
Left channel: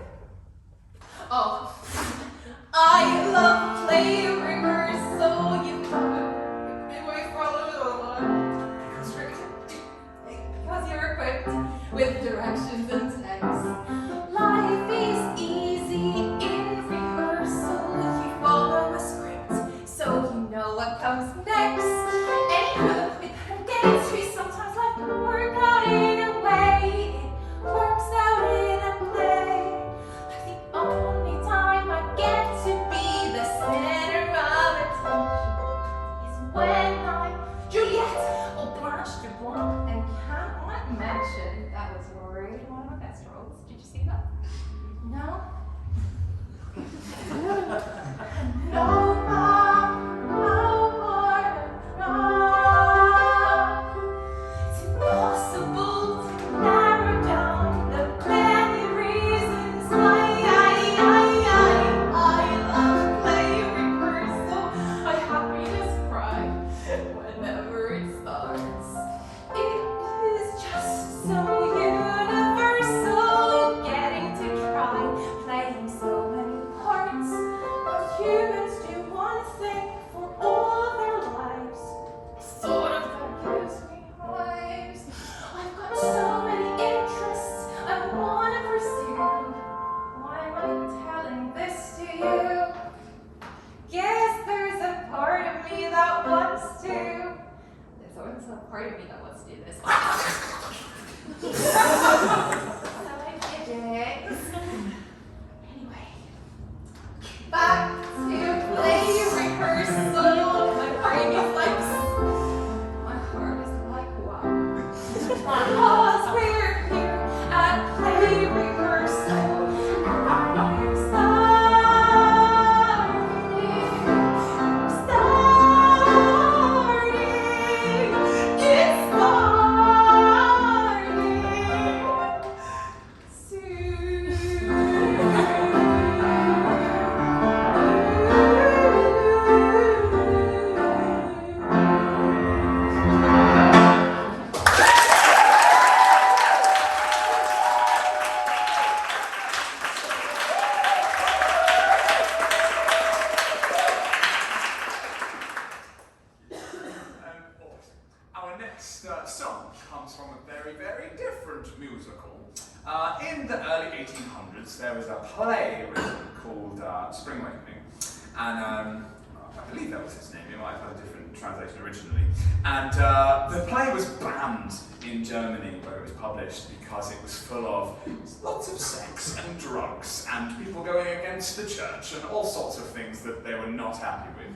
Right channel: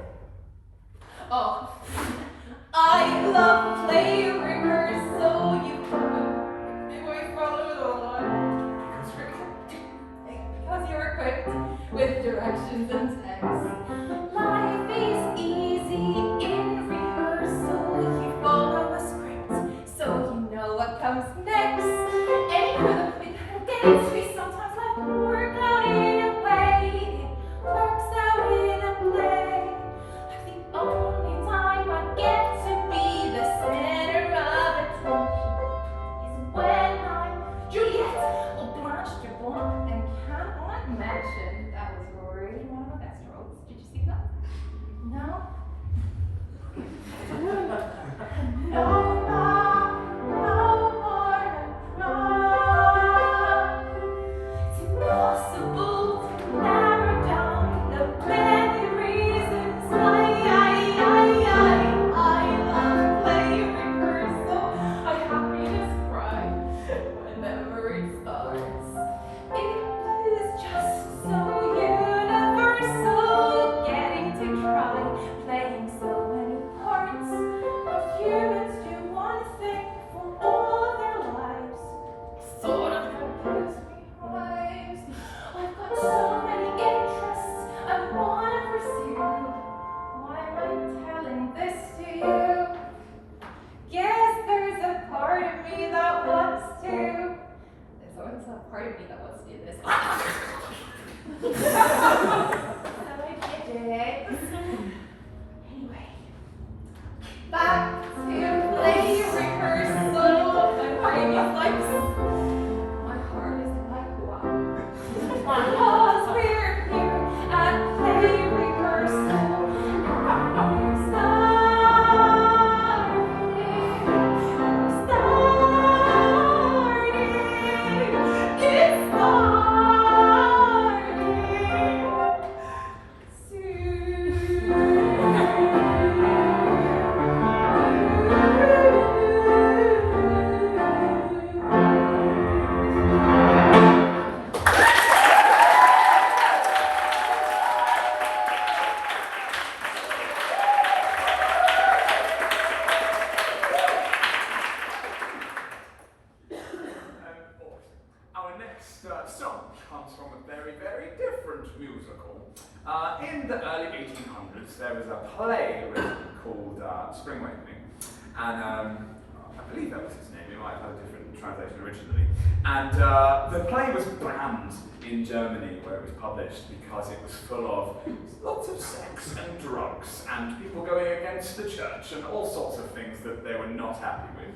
play written called Spring Awakening, and I believe that was his name. It might have had a different translation originally. And the play was banned in Germany where it was published because it was full of lots of sex and drugs and people going against the church and all sorts of things that they were not happy with.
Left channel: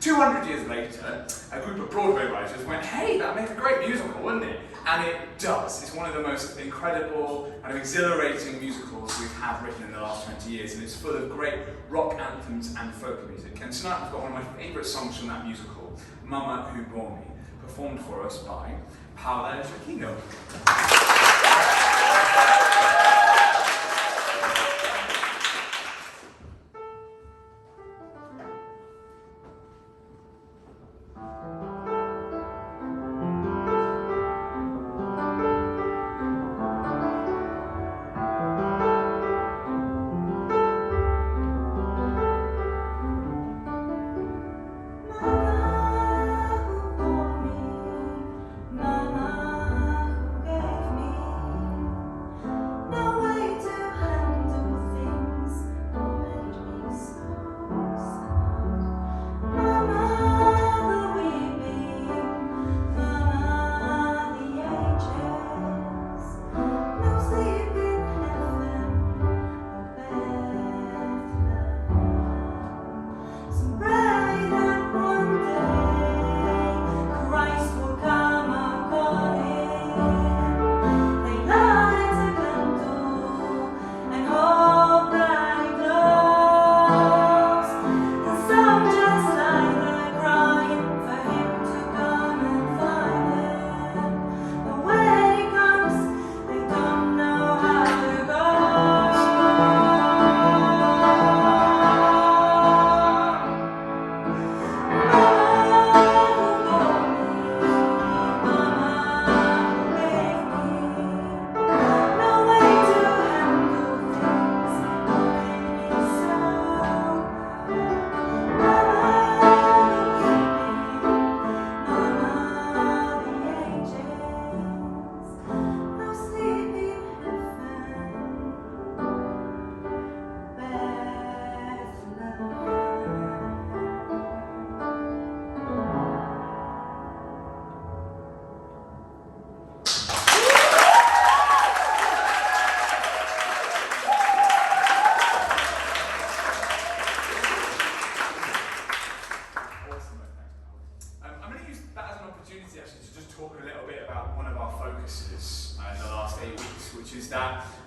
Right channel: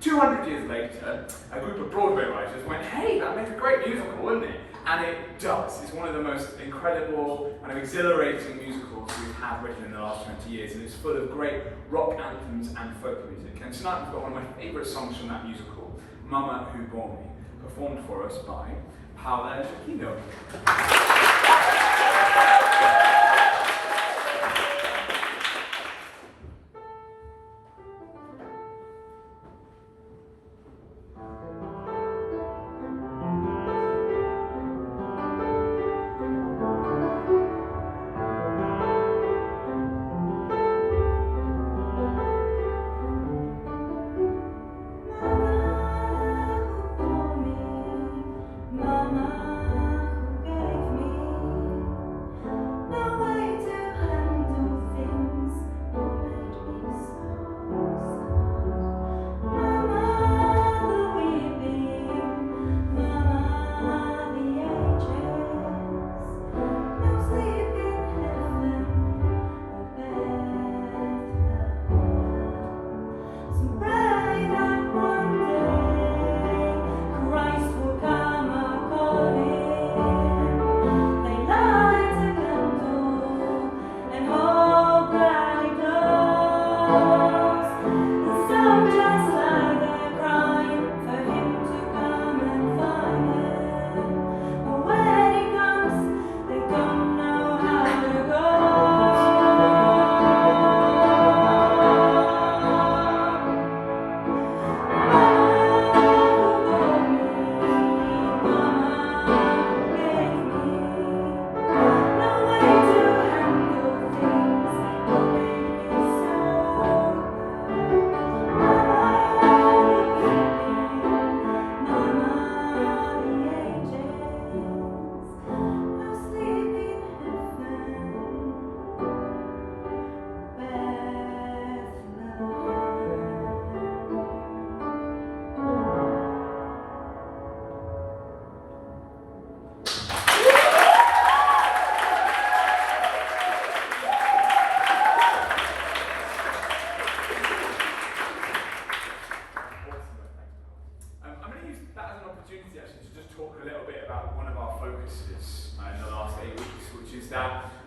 200 years later, a group of Broadway writers went, hey, that makes a great musical, wouldn't it? And it does. It's one of the most incredible and exhilarating musicals we've had written in the last 20 years, and it's full of great rock anthems and folk music. And tonight we've got one of my favourite songs from that musical, Mama Who Bore Me, performed for us by Paola Giacchino.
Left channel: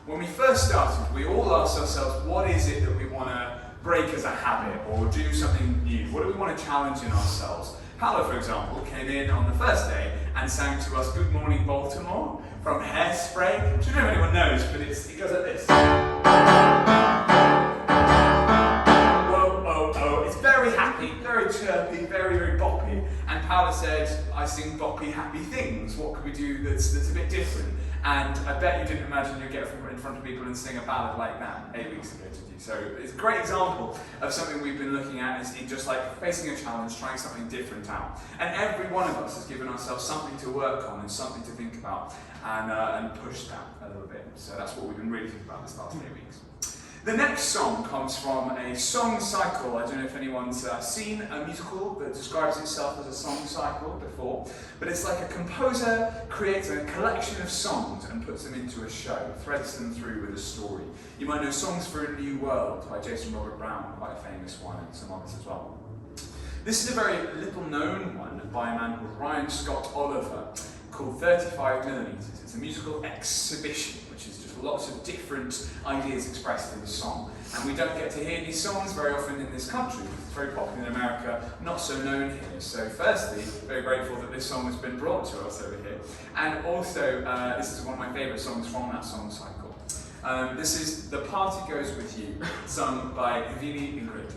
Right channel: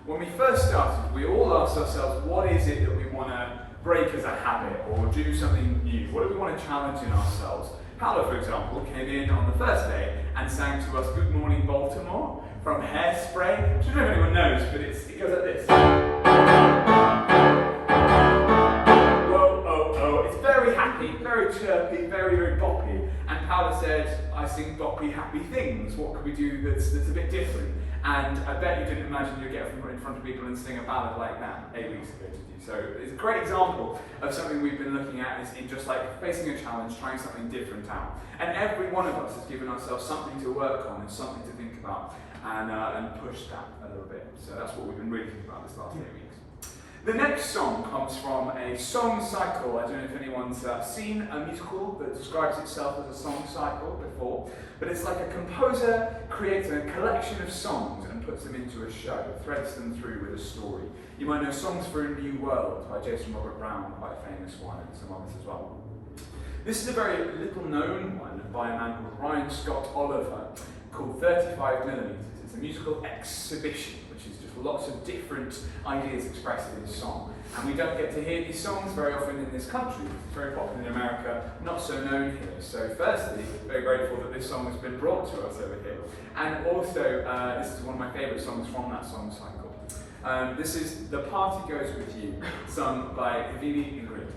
When we first started, we all asked ourselves, what is it that we want to break as a habit or do something new? What do we want to challenge in ourselves? Paolo, for example, came in on the first day and sang to us Good Morning Baltimore from Hairspray. I don't know if anyone knows, but it goes like this. Whoa, oh, oh. It's very happy, very chirpy, very, very boppy. And Paolo said, I sing boppy, happy things. What could we do that's a bit different? And I bet you didn't imagine you'd get in front of people and sing a ballad like that 8 weeks ago, did you? So it's a great example of something we've been looking at, is just like facing a challenge, trying something different out. And every one of us has given ourselves something to work on and something to think about and push that a little bit. So that's what we've been really thinking about this last 8 weeks. The next song comes from a song cycle. I don't know if anyone's seen a musical that describes itself as a song cycle before, but it's like a composer creates a collection of songs and puts them into a show, threads them through with a story. You might know Songs for a New World by Jason Robert Brown, quite a famous one, and some others as well. This is a very little known one by a man called Ryan Scott Oliver, called 35mm. It's a musical exhibition, which is just lots of different ideas expressed in song. And we don't get to hear these songs very often in this country. It's very popular in America, not so known here. So firstly, very grateful that this song has been brought to us over here. And also, this is one of my favourite songs from that song cycle. This is The Party Goes With You, sung by Ivini Ingrid.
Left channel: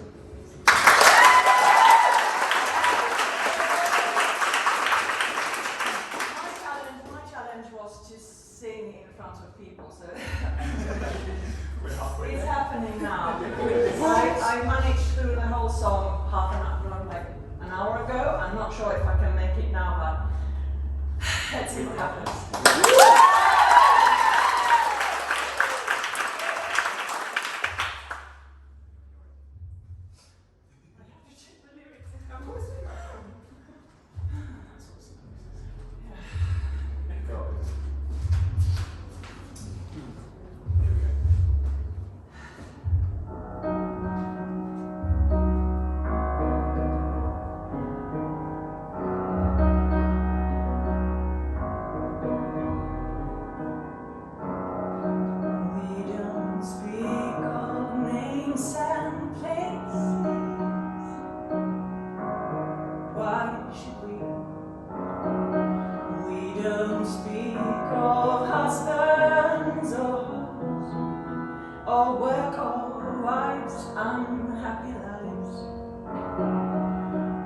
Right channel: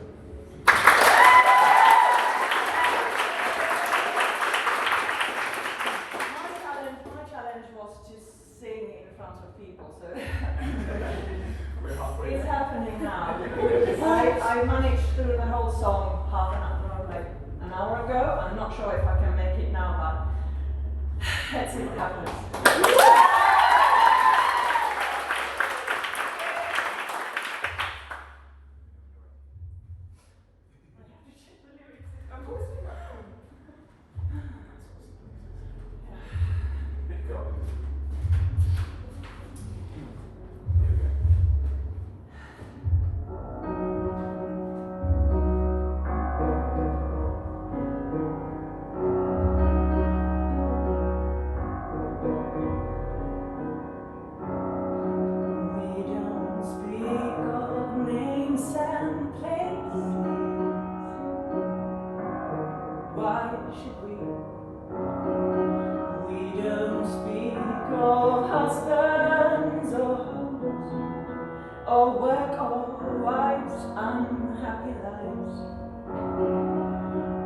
Sing in front of people, so it's happening now. I managed through the whole song half an hour, like an hour ago. I'm not sure if I can make it now, but let's see what happens.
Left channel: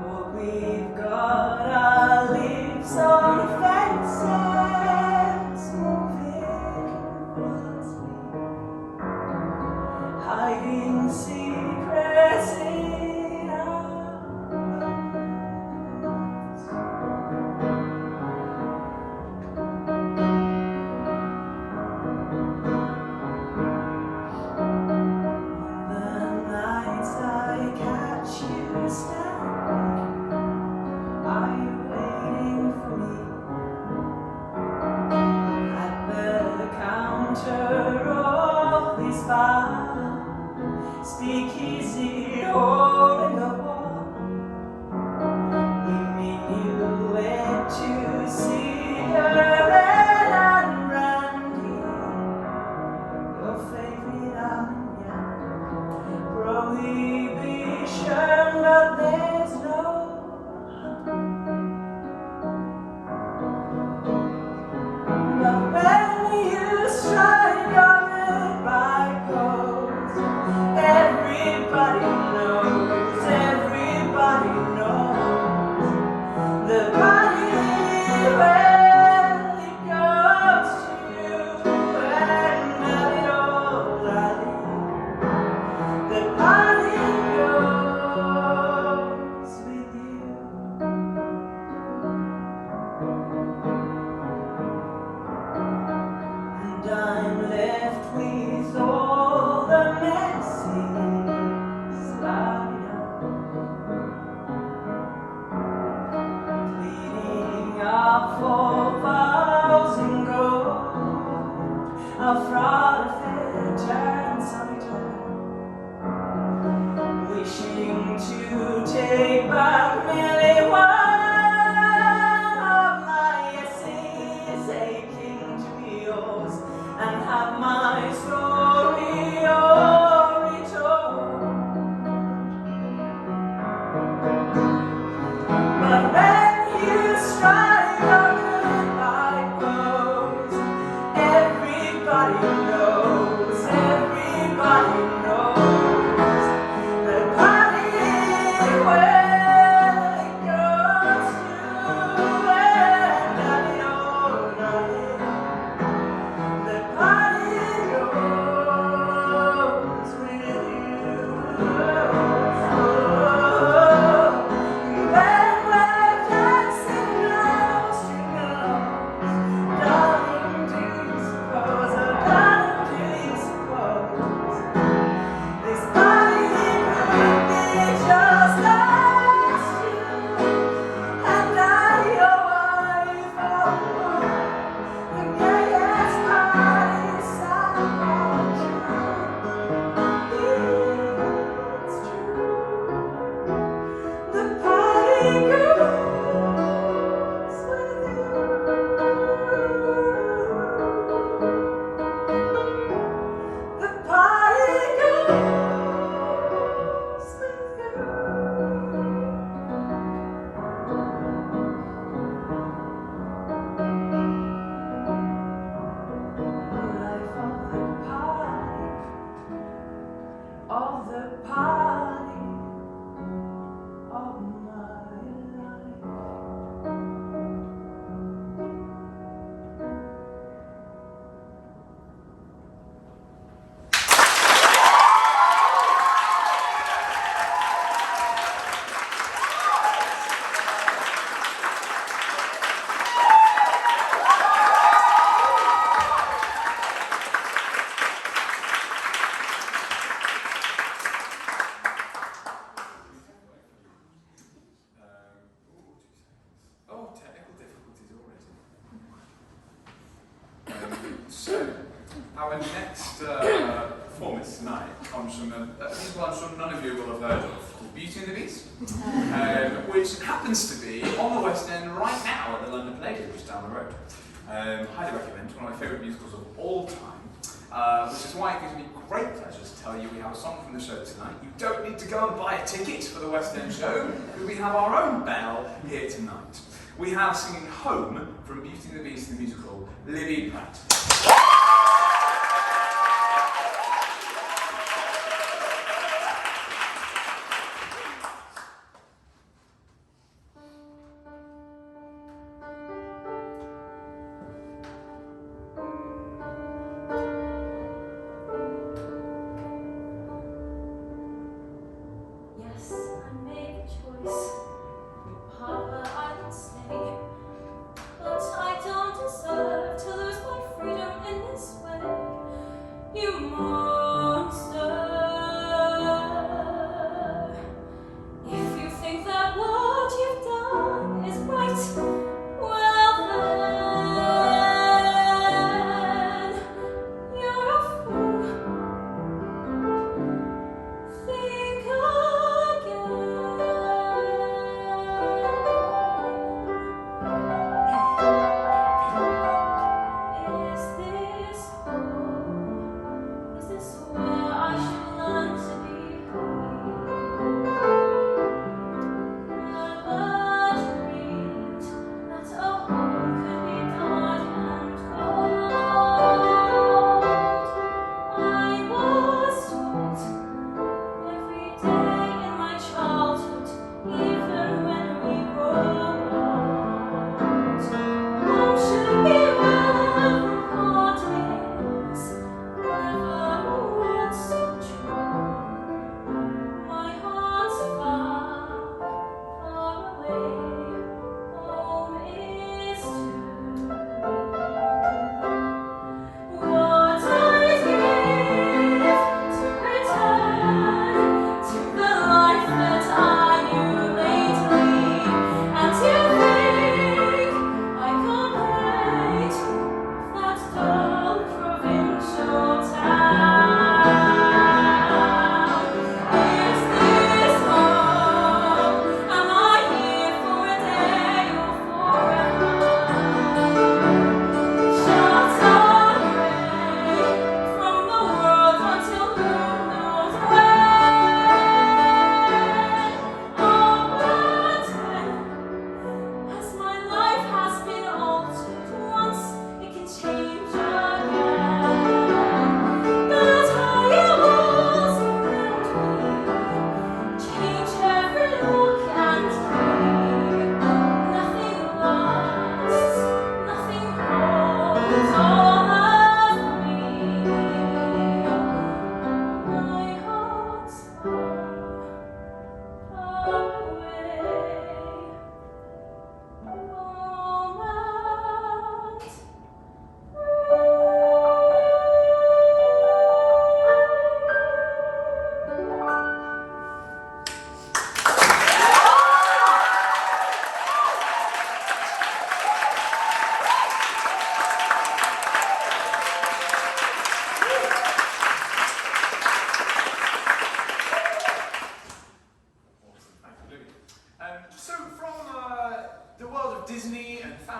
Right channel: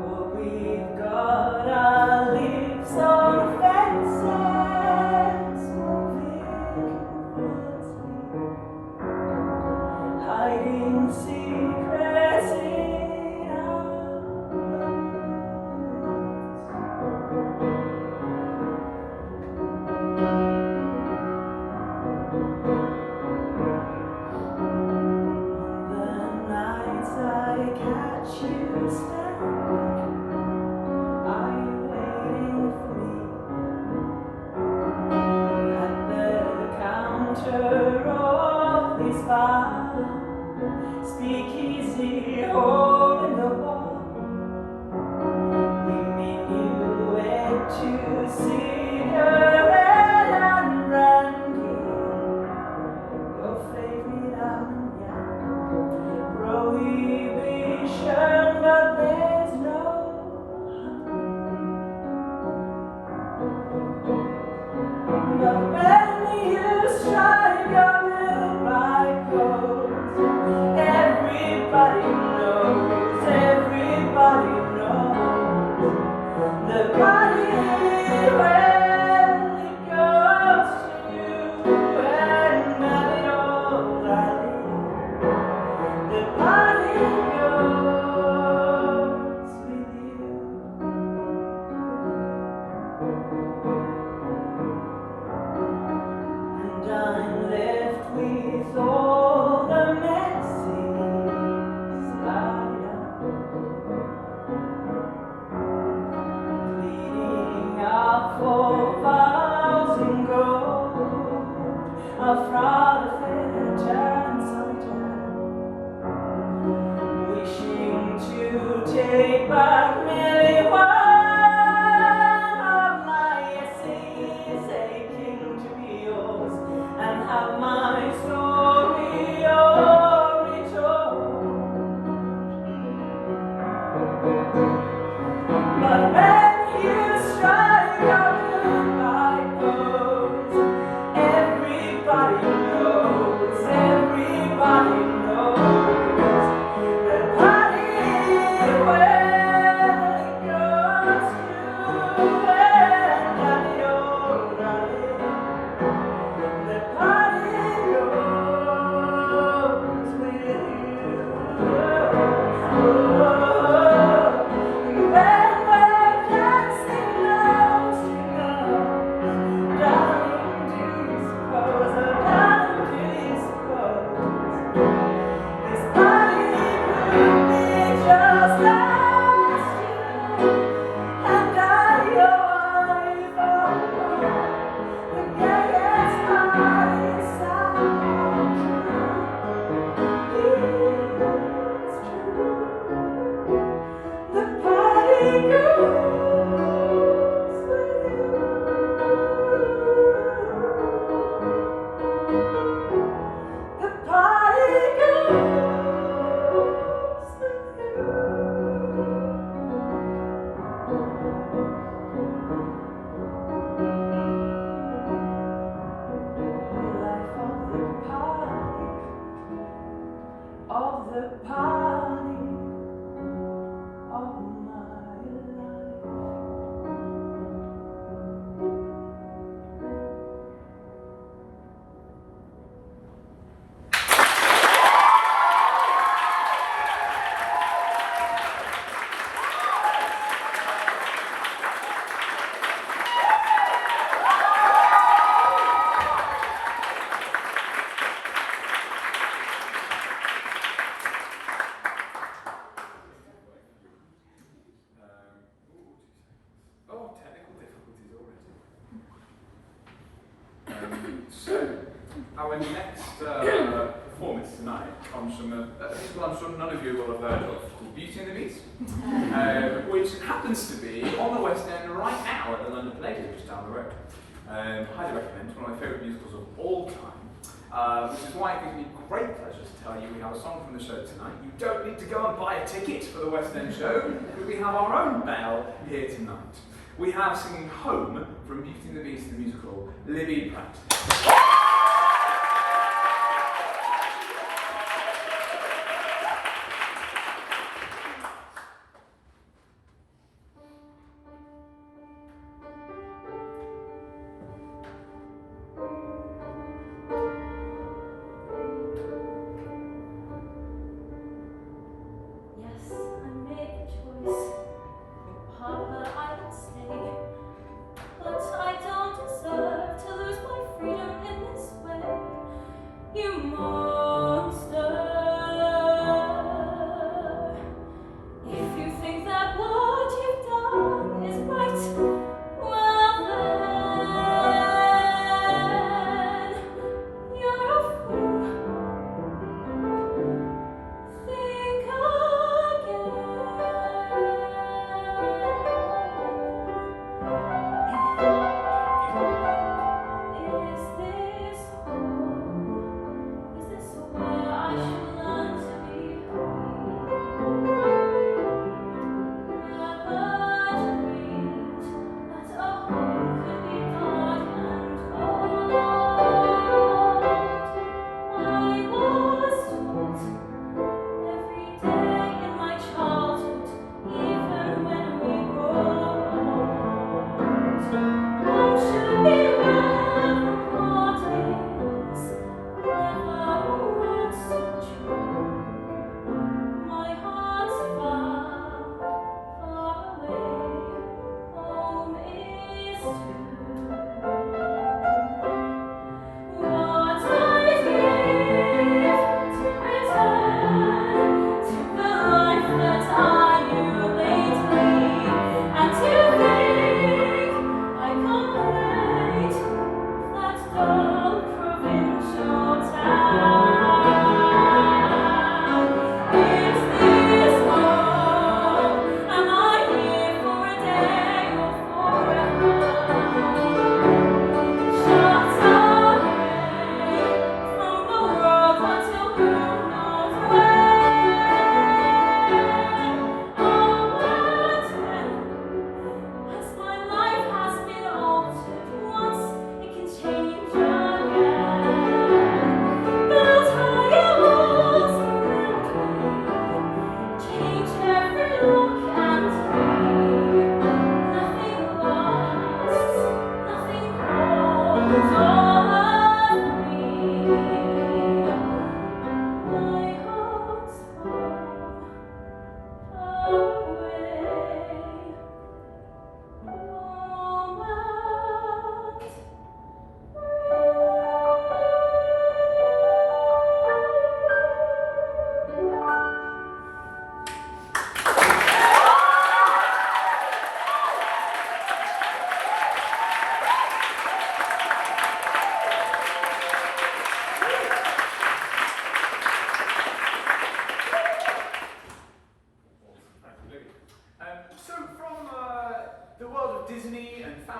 Oh, we've got our lips on fences, moving fast, hiding secrets in our lungs. The nights I catch you standing, are you waiting for me at the counter of this bar? Speakeasy hole in the wall. We meet you wed to cigarette and brandy, your favorite armagnac. Prohibition, but there's no but when you strike your goodbye pose, everybody knows, everybody knows the body where it goes to, and that it all the body goes with you. And I'm left with all the messes light up, bleeding up for vows in gold, a fraud affair turned solitaire, wishing to take back merely one of my essays, aching to be yours and have my story retold. But when you strike your goodbye pose, everybody knows, everybody knows the body where it goes to, and that it all the body goes with you. Then we're dancing now, darling, do you suppose, oh darling, do you suppose this body could be just as you and I, your wife, oh, the gayest party sound true. It's true. The party goes with you. The party goes with you. The life of the party, of my life. Oh, technical difficulties already. So, our next performance tonight comes from one I'm sure none of you will have heard of, called Beauty and the Beast, which happens to be on the West End right now at the London Palladium, just down the road. Highly recommend, one of my favourite musicals of all time, which is why it gives me great pleasure to tell you we have a song from the show tonight. You don't need to go and buy a ticket for the West End show, because we have our own belle here tonight. We have singing Home from Beauty and the Beast the musical, Libby Pratt.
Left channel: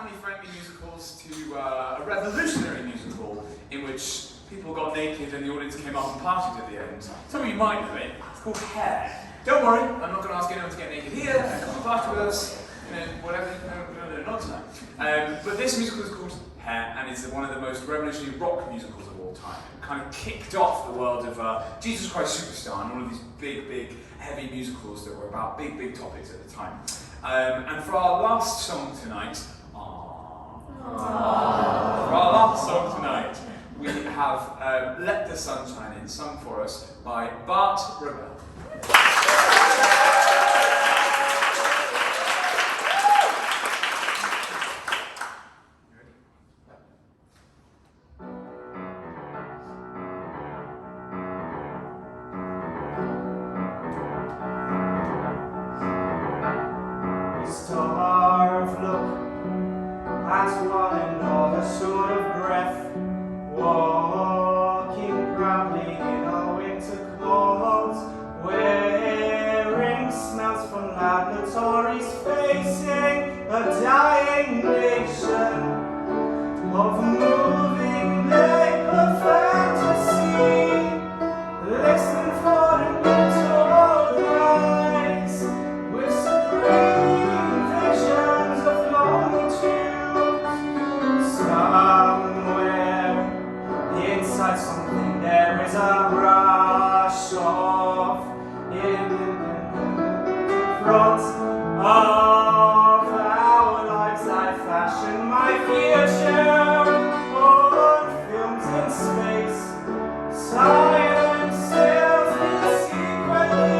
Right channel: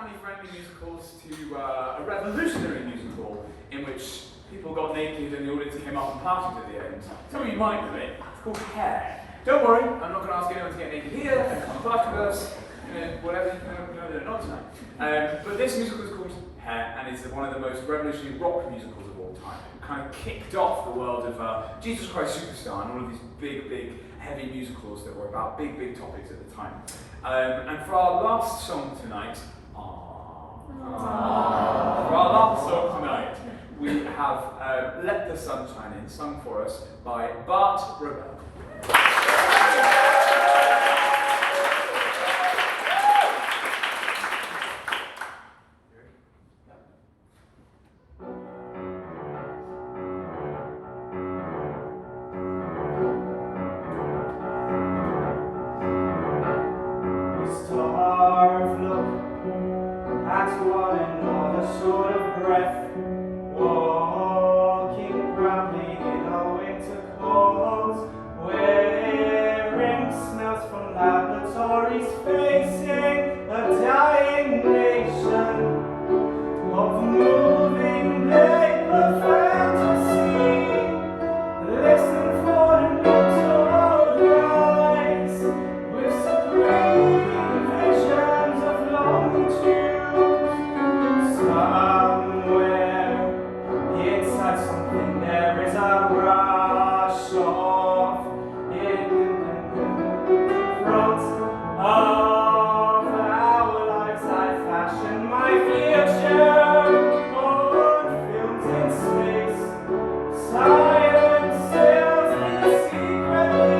family-friendly musicals to a revolutionary musical in which people got naked and the audience came up and partied at the end. Some of you might know it. It's called Hair. Don't worry, I'm not going to ask anyone to get naked here and come and party with us. You know, whatever. No, not tonight. But this musical is called Hair, and it's one of the most revolutionary rock musicals of all time. It kind of kicked off the world of Jesus Christ Superstar and all of these big, heavy musicals that were about big topics at the time. And for our last song tonight, we have Let the Sun Shine In, sung for us by Bart Robel. Starved look at one another, sort of breath, walking proudly in our winter clothes, wearing smells from laboratories, facing a dying nation of moving paper fantasy, listening for the mutual rise with supreme visions of longitude. Somewhere inside something there is a rush of in front of our lives. I fashion my future on films in space. Silence sails me secretly.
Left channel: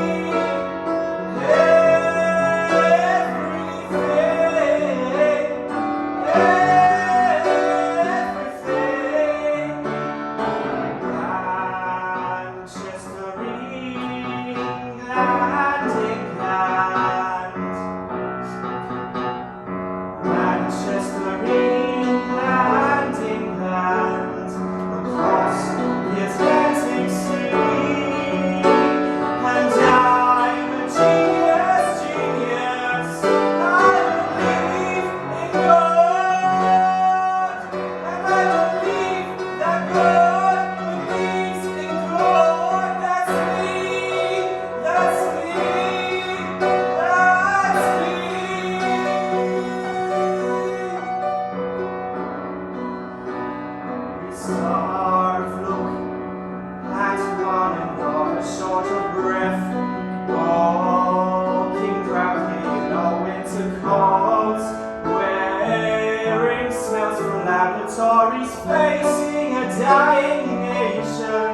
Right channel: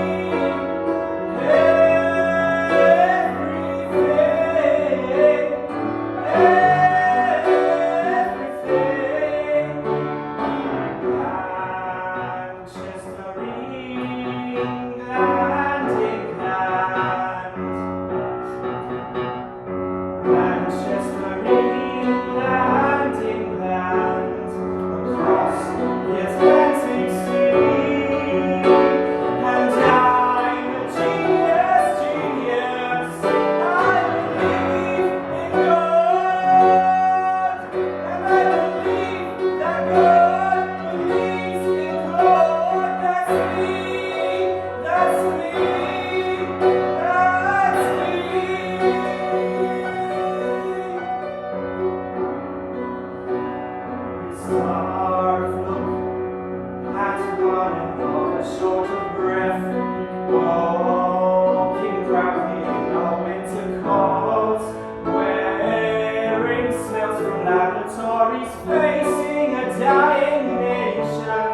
Laboratories facing a dying nation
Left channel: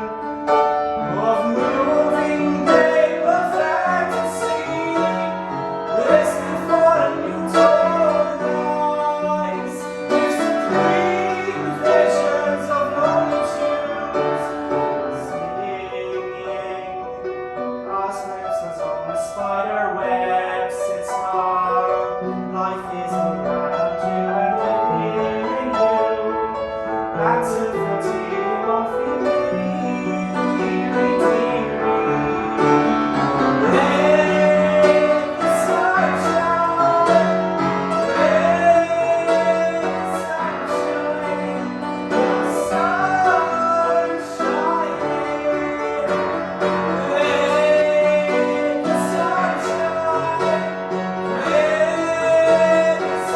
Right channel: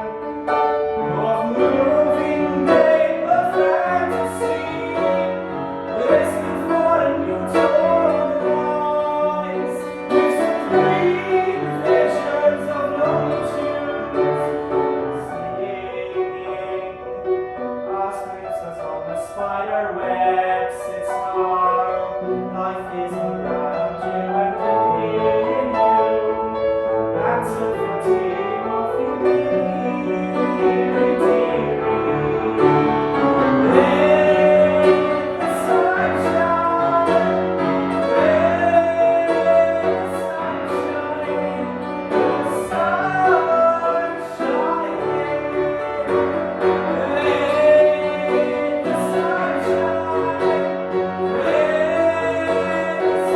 of moving paper fantasy, listening for a new rise with supreme visions of longitudes, singing osmosis on a spider web sits tomorrow. Life is around you and in you. That's a fatigue of let the sun shine, let the sun shine, the sun shine, let the sun shine, let the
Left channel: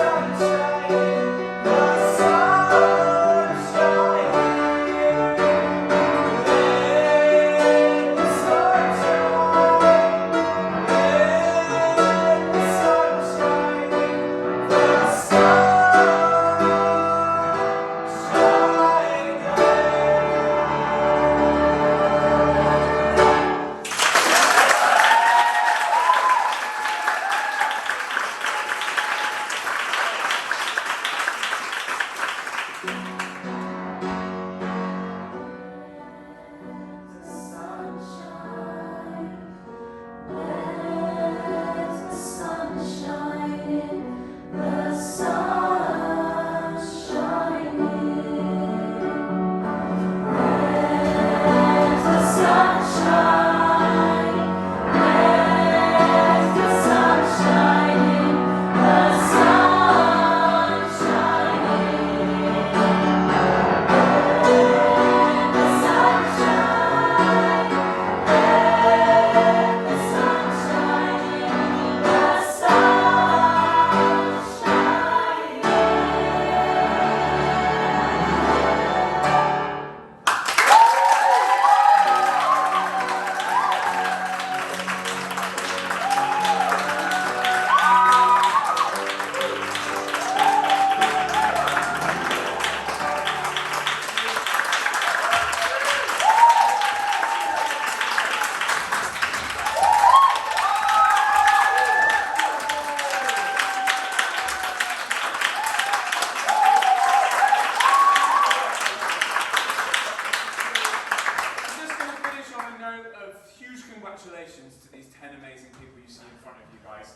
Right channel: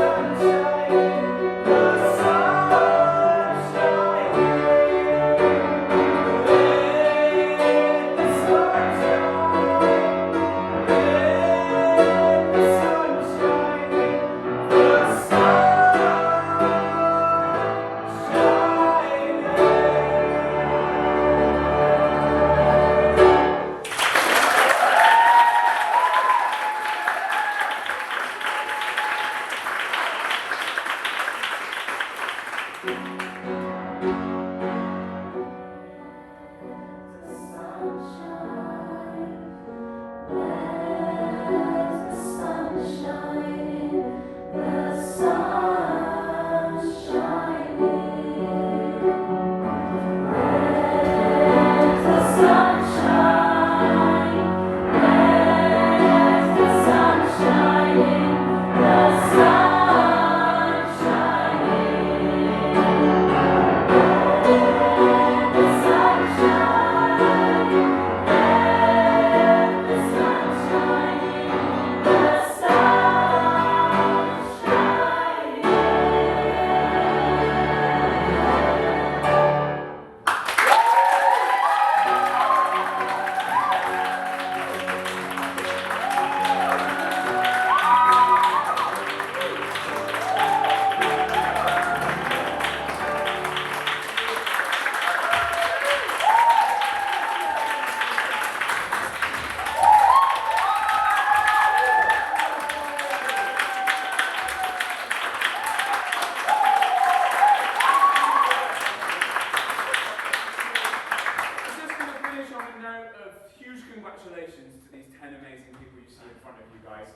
congratulations to these 10 amazing people you see in front of you guys.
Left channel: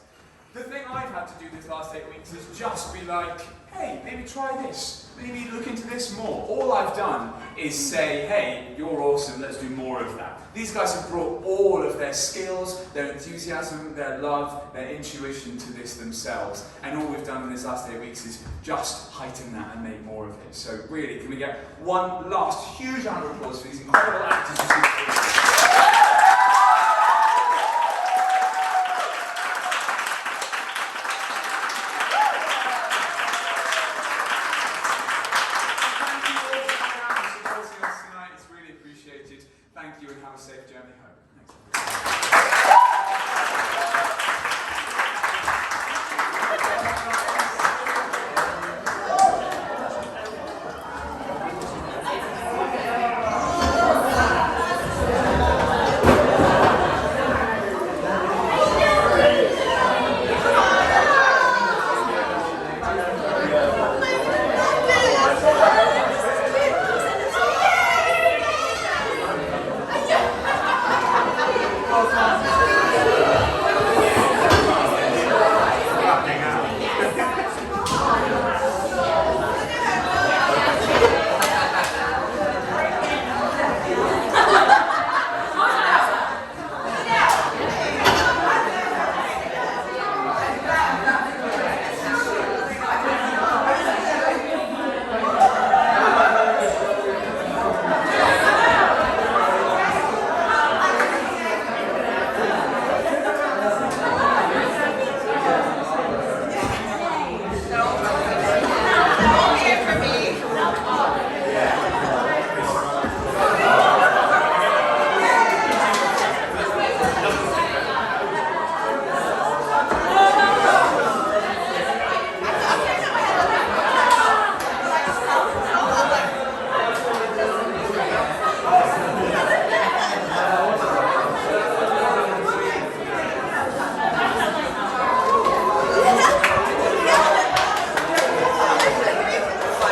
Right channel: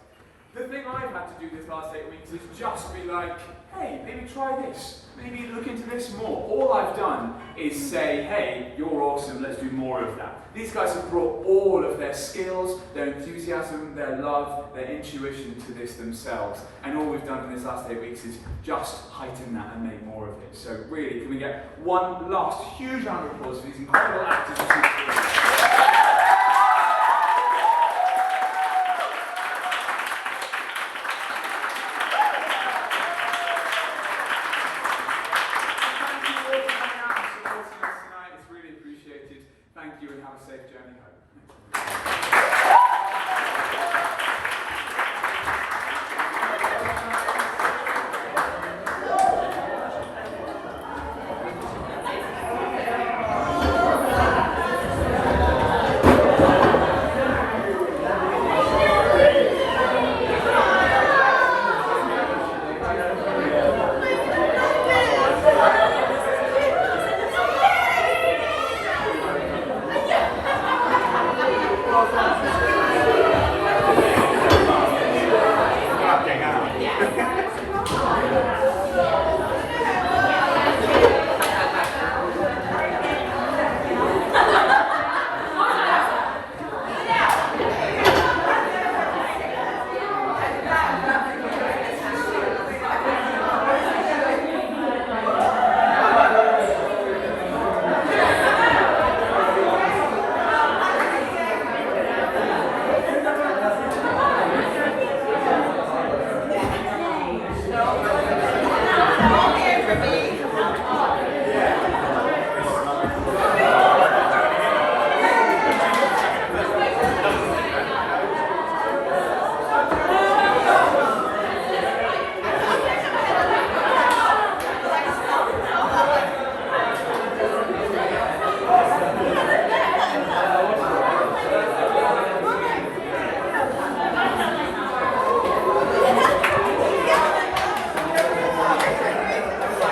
The thing I've had to do this last 8 weeks is just be like, hey, maybe try this, maybe look into this more. All I've done is say, hey, you're awesome, let's do more of that. These guys have brought all of their skills, their enthusiasm, their love, their intuition to this themselves. And all we've done in this last 8 weeks is just heighten that and make more of it. So really, can we get one last huge round of applause for these incredible actors?